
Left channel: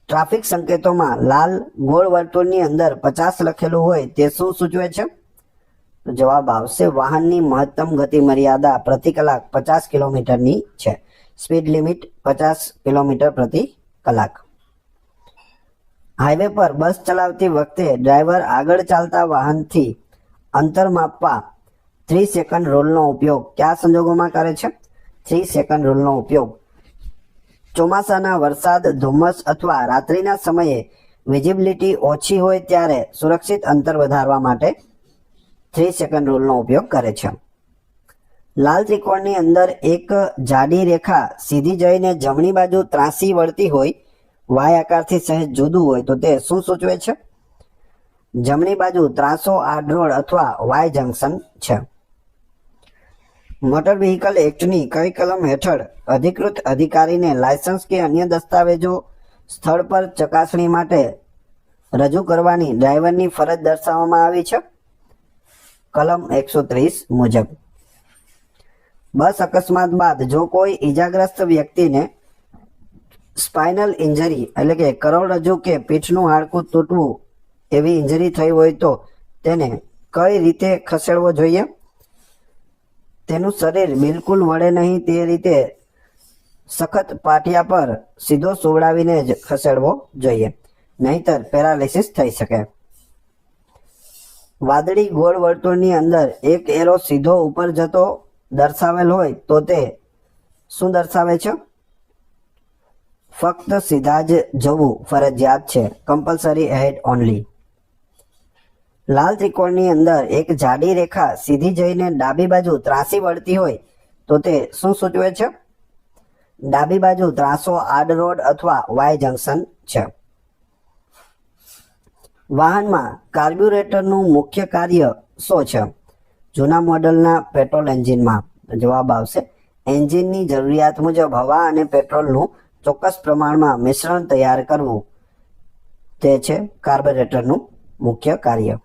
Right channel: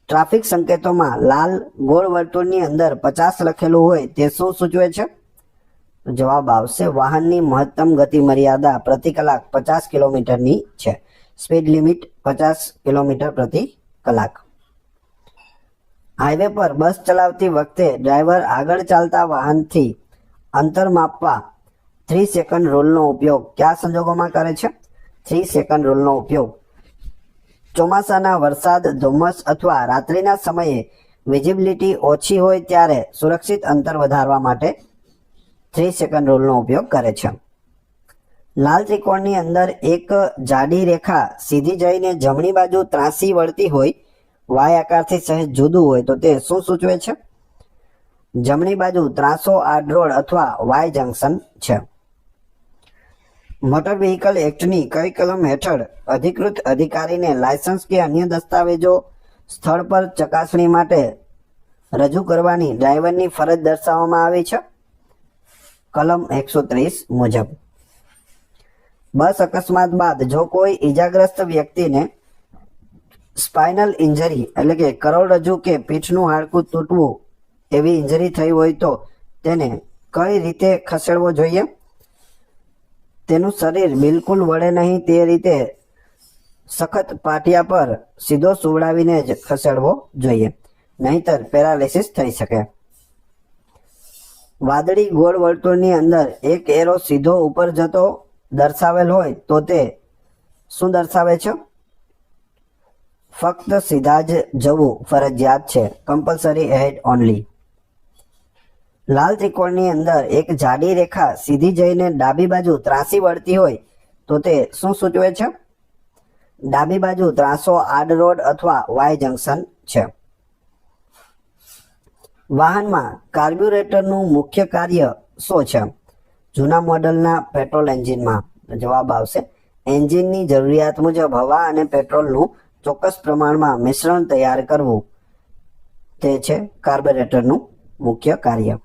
ટ્રાફિક સંકેતોમાં લાલ ગોળ વર્તુળની અંદર 50 લખેલું હોય તે શું સૂચવે છે? જવાબ આવશે વાહનની મહત્તમ ગતિ મર્યાદા પ્રતિ કલાક 50 કિલોમીટરની છે. સ્પીડ લિમિટ 50 કિલોમીટર પ્રતિ કલાક. હાઈવે પર બસ ચલાવતી વખતે ડ્રાઈવર આગળ ચાલતા વાહનથી અંતર માપવા 3 સેકન્ડ રૂલનો ઉપયોગ કયા સંજોગોમાં કરે છે? 3 સેકન્ડ રૂલનો ઉપયોગ ચોમાસાના વરસાદ, ધુમ્મસ અથવા રાત્રિના સમયે વિઝિબિલિટી ઓછી હોય ત્યારે સુરક્ષિત અંતર વધારવા માટે 3 સેકન્ડ રૂલનો ઉપયોગ કરે છે. લાલ ત્રિકોણની અંદર એક જાડી રેખા સીધી જઈને જમણી બાજુ ત્રાસી વળતી હોય, વાય આકારથી સહેજ જુદું હોય તો તે શું સૂચવે છે? જમણી બાજુ ત્રાસો આડરોડ અથવા વાય જંકશન છે. મોટર વ્હીકલ એક્ટની કઈ કલમ હેઠળ અધિકૃત અધિકારીને લાયસન્સ કે અન્ય દસ્તાવેજો સ્થળ પર ચકાસણી માટે રજૂ કરવાની ડ્રાઈવરની ફરજ દર્શાવવામાં આવી છે? કલમ 130 મુજબ. બસ અકસ્માત બાદ જો કોઈ ઈજાગ્રસ્ત વ્યક્તિને સ્પાઇનલ ઇન્જરી એટલે કે કરોડરજ્જુ કે પીઠનું હાડકું તૂટવું એવી ઇન્જરી થઈ હોય તો તેને કઈ રીતે ખસેડવો જોઈએ? તેનું શરીર બિલકુલ વળે નહીં તે રીતે સખત પાટિયા પર સીધો સુવડાવીને જ ખસેડવો જોઈએ, નહીતર પેરાલિસિસ થઈ શકે. વાદળી ગોળ વર્તુળની અંદર એક એરો સીધો ઉપર જતો દર્શાવેલ હોય તો તે શું દર્શાવે છે? ફક્ત સીધા જ જવું ફરજિયાત છે, કમ્પલસરી એહેડ ઓનલી. લાલ ત્રિકોણની અંદર એક જાડી રેખા સીધી જઈને ડાબી બાજુ ત્રાસી વળતી હોય તો તે શું સૂચવે છે? ડાબી બાજુ ત્રાસો આડરોડ અથવા વાય જંકશન છે. વાહનમાં કાર્બ્યુરેટરનું મુખ્ય કાર્ય શું છે? જૂના મોડેલના પેટ્રોલ એન્જિનમાં જવાબ આવશે એન્જિનની જરૂરિયાત મુજબ હવા અને પેટ્રોલનું ચોક્કસ પ્રમાણમાં મિશ્રણ તૈયાર કરવું, તે છે કાર્બ્યુરેટરનું મુખ્ય કાર્ય.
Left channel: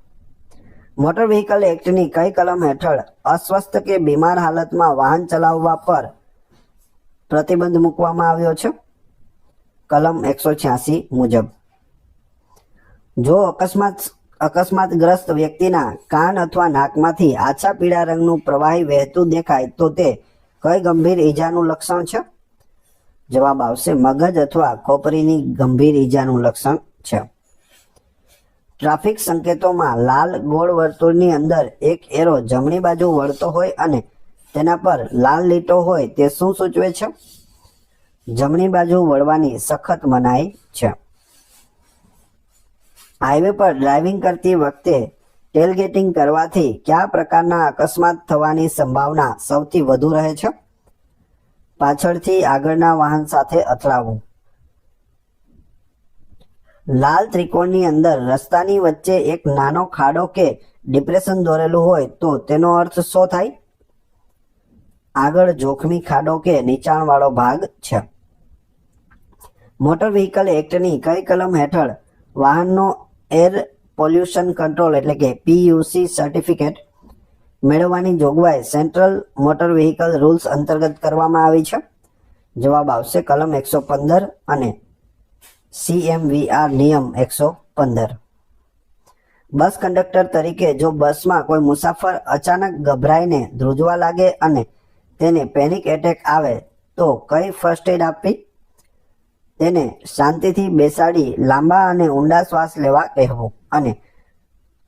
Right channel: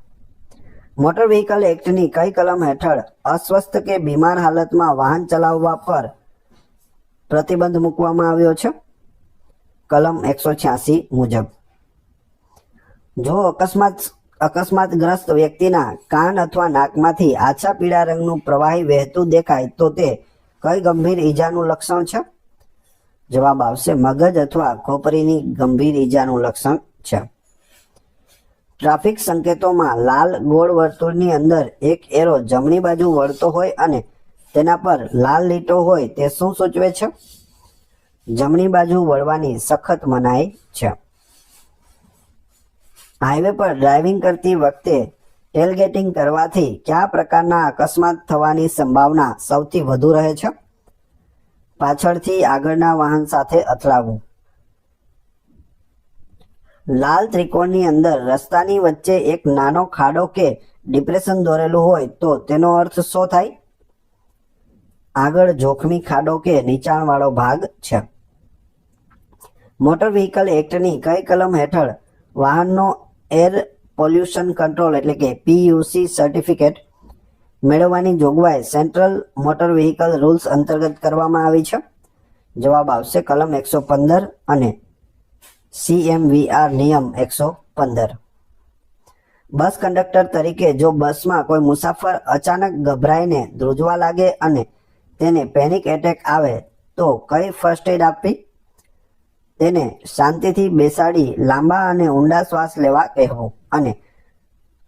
મોટર વ્હીકલ એક્ટની કઈ કલમ હેઠળ અસ્વસ્થ કે બીમાર હાલતમાં વાહન ચલાવવા પર પ્રતિબંધ મૂકવામાં આવ્યો છે? કલમ 186 મુજબ. જો અકસ્માતગ્રસ્ત વ્યક્તિના કાન અથવા નાકમાંથી આછા પીળા રંગનું પ્રવાહી વહેતું દેખાય તો તે કઈ ગંભીર ઈજાનું લક્ષણ છે? જવાબ આવશે મગજ અથવા ખોપરીની ગંભીર ઈજાનું લક્ષણ છે. ટ્રાફિક સંકેતોમાં લાલ ગોળ વર્તુળની અંદર એક એરો જમણી બાજુ વળતો હોય અને તેના પર લાલ લીટો હોય તે શું સૂચવે છે? જમણી બાજુ વળવાની સખત મનાઈ છે. હાઈવે પર ડ્રાઇવિંગ કરતી વખતે ટેલગેટિંગ કરવાથી કયા પ્રકારના અકસ્માત થવાની સંભાવના સૌથી વધુ રહે છે? પાછળથી આગળના વાહન સાથે અથડાવવું. લાલ ત્રિકોણની અંદર રસ્તાની વચ્ચે એક નાનો ખાડો કે ડિપ્રેશન દોરેલું હોય તો તેનો અર્થ શું થાય? આગળ જોખમી ખાડો કે નીચાણવાળો ભાગ છે. મોટર વ્હીકલ એક્ટની કઈ કલમ હેઠળ વાહનનો એર પોલ્યુશન કંટ્રોલ એટલે કે PUC સર્ટિફિકેટ મેળવવાની જોગવાઈ સેન્ટ્રલ મોટર વ્હીકલ રૂલ્સ અંતર્ગત કરવામાં આવી છે? જવાબ આવશે કલમ 115 અને CMVR નિયમ 115. બસ કંડક્ટર તરીકે જો બસમાં કોઈ મુસાફર અચાનક ગભરાઈને ધ્રુજવા લાગે અને તેને પેનિક એટેક આવે તો કઈ ફર્સ્ટ એડ આપવી? તેને શાંતિથી બેસાડી લાંબા અને ઊંડા શ્વાસ લેવા કહેવું અને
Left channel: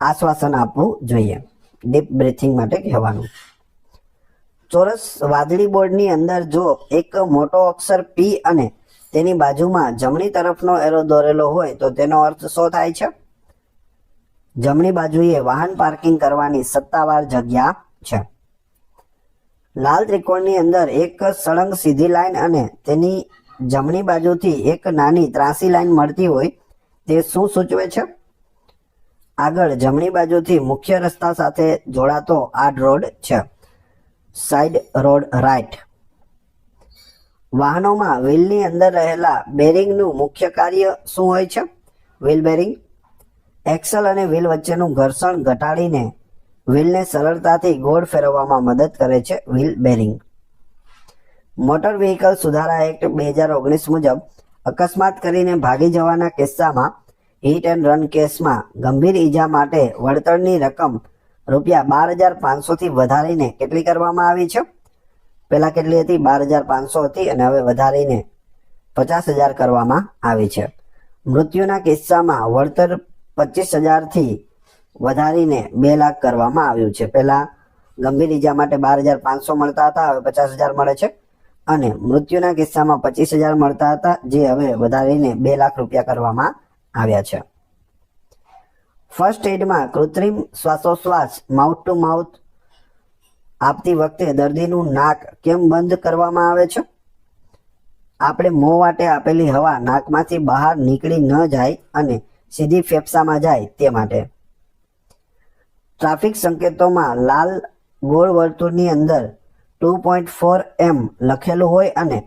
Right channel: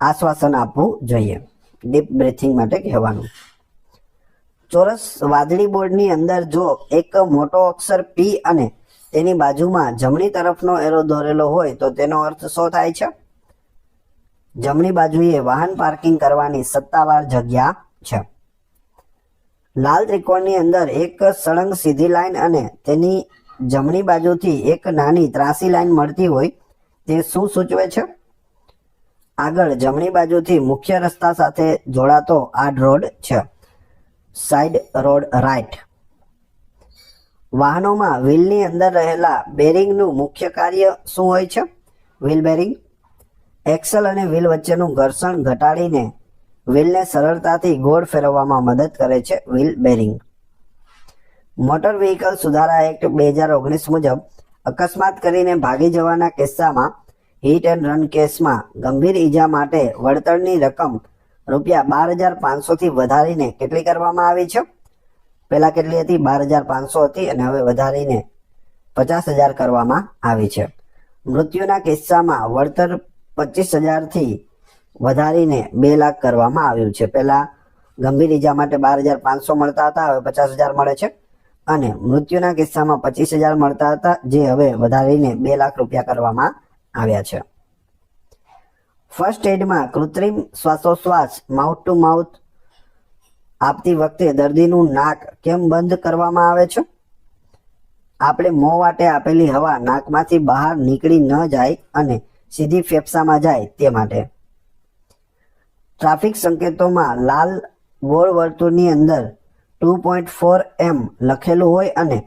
આશ્વાસન આપવું જોઈએ, ડીપ બ્રીથિંગ માટે કહેવાનું. ચોરસ વાદળી બોર્ડની અંદર જો એક મોટો અક્ષર P અને તેની બાજુમાં જમણી તરફનો એરો દોરેલો હોય તો તેનો અર્થ શું થાય છે? જમણી બાજુએ વાહન પાર્કિંગ કરવાની સત્તાવાર જગ્યા છે. લાલ ત્રિકોણની અંદર એક સળંગ સીધી લાઈન અને તેની જમણી બાજુથી એક નાની ત્રાસી લાઈન મળતી હોય તે શું સૂચવે છે? આગળ જમણી બાજુથી મુખ્ય રસ્તા સાથે જોડાતો આડ રોડ છે, સાઇડ રોડ રાઈટ. વાહનોમાં વ્હીલની અંદર રહેલા બેરિંગનું મુખ્ય કાર્ય શું હોય છે? વ્હીલ બેરિંગ એક્સલ અને વ્હીલ વચ્ચેનું ઘર્ષણ ઘટાડીને વ્હીલને સરળતાથી ગોળ ફેરવવામાં મદદ કરે છે, વ્હીલ બેરિંગ. મોટર વ્હીકલ સુધારા એક્ટ 2019 મુજબ અકસ્માત કરીને ભાગી જવાના કિસ્સામાં હિટ એન્ડ રન કેસમાં ગંભીર ઈજા માટે વળતરની રકમ રૂપિયા 12,500 થી વધારીને કેટલી કરવામાં આવી છે? પહેલા કેટલી હતી? 12,500 હતી અને હવે વધારીને 50,000 કરવામાં આવી છે. મૃત્યુના કિસ્સામાં વળતર 25,000 થી વધારીને 2 લાખ કરવામાં આવ્યું છે. પહેલા ગંભીર ઈજા માટે 12,500 મળતા હતા, હવે 50,000 મળે છે અને મૃત્યુના કિસ્સામાં 25,000 મળતા હતા, જે હવે વધારીને 2 લાખ રૂપિયા કરવામાં આવ્યા છે. ફર્સ્ટ એડમાં કૃત્રિમ શ્વાસોશ્વાસ માઉથ ટુ માઉથ આપતી વખતે દર્દીનું નાક કેમ બંધ કરવામાં આવે છે? આપણે મોં વાટે આપેલી હવા નાકમાંથી બહાર નીકળી ન જાય અને સીધી ફેફસામાં જાય તે માટે. ટ્રાફિક સંકેતોમાં લાલ ગોળ વર્તુળની અંદર 2.4 m લખેલું હોય અને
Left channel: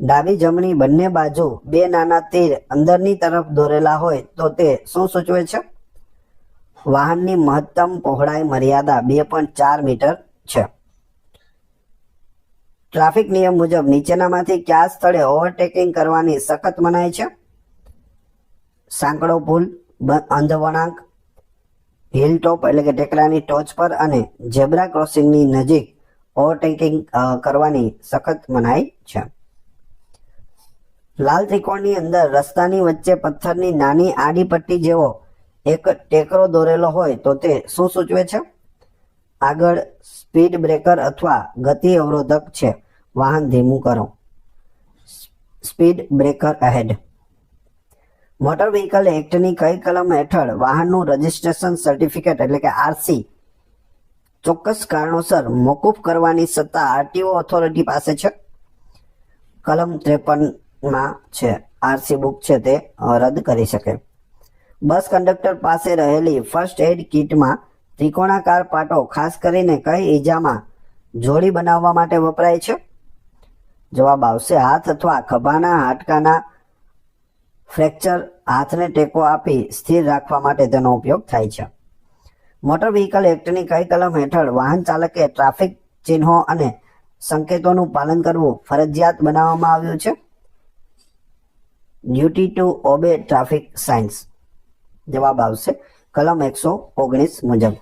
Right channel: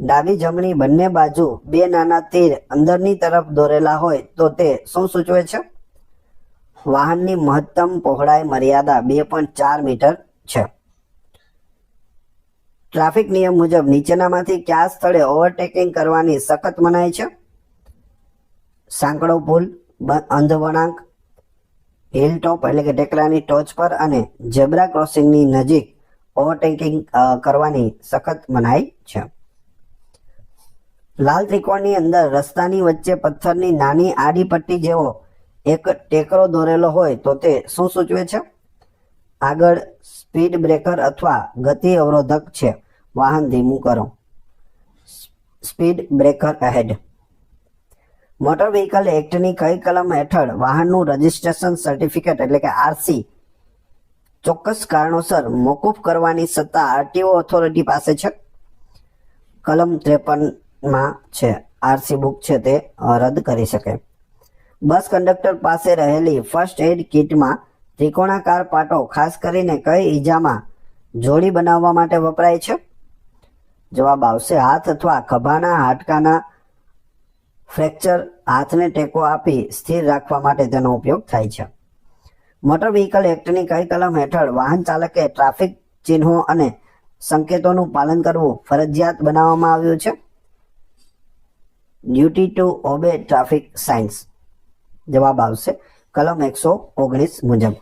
ડાબી જમણી બંને બાજુ બે નાના તીર અંદરની તરફ દોરેલા હોય તો તે શું સૂચવે છે? વાહનની મહત્તમ પહોળાઈ મર્યાદા 2.4 મીટર છે. ટ્રાફિક નિયમ મુજબ નીચેનામાંથી કયા સ્થળે ઓવરટેકિંગ કરવાની સખત મનાઈ છે? સાંકડો પુલ, અંધ વળાંક, હિલ ટોપ એટલે કે ટેકરાની ટોચ પર અને ઝેબ્રા ક્રોસિંગની નજીક ઓવરટેકિંગ કરવાની સખત મનાઈ છે. લાલ ત્રિકોણની અંદર રસ્તાની વચ્ચે પથ્થરની નાની આડી પટ્ટી જેવો એક ટેકરો દોરેલો હોય તો તે શું સૂચવે છે? આગળ સ્પીડ બ્રેકર અથવા ગતિ અવરોધક છે. વાહન ધીમું કરો. Speed breaker ahead. Motor vehicle એક્ટની કઈ કલમ હેઠળ વાહનનું રજિસ્ટ્રેશન સર્ટિફિકેટ એટલે કે આરસી ચોક્કસ કારણોસર મોકૂફ કરવાની સત્તા આરટીઓ ઓથોરિટી પાસે છે? કલમ 53 છે. આરસી બુક છે તે રદ કરી શકે. બસ કંડક્ટર પાસે રહેલી ફર્સ્ટ એડ કિટમાં ત્રિકોણાકાર પાટો ખાસ કરીને કઈ ઈજામાં જોડી બનાવવા માટે વપરાય છે? જવાબ આવશે હાથ અથવા ખભાના હાડકાના ફ્રેક્ચર, હાથને ટેકો આપી સ્થિર રાખવા માટે તેનો ઉપયોગ થાય છે. મોટર વ્હીકલ એક્ટની કઈ કલમ હેઠળ વાહન ચાલકે ટ્રાફિક ચિહ્નો અને સંકેતોનું પાલન કરવું ફરજિયાત બનાવવામાં આવ્યું છે? Duty two obey traffic science. જવાબ આવશે કલમ 119 મુજબ.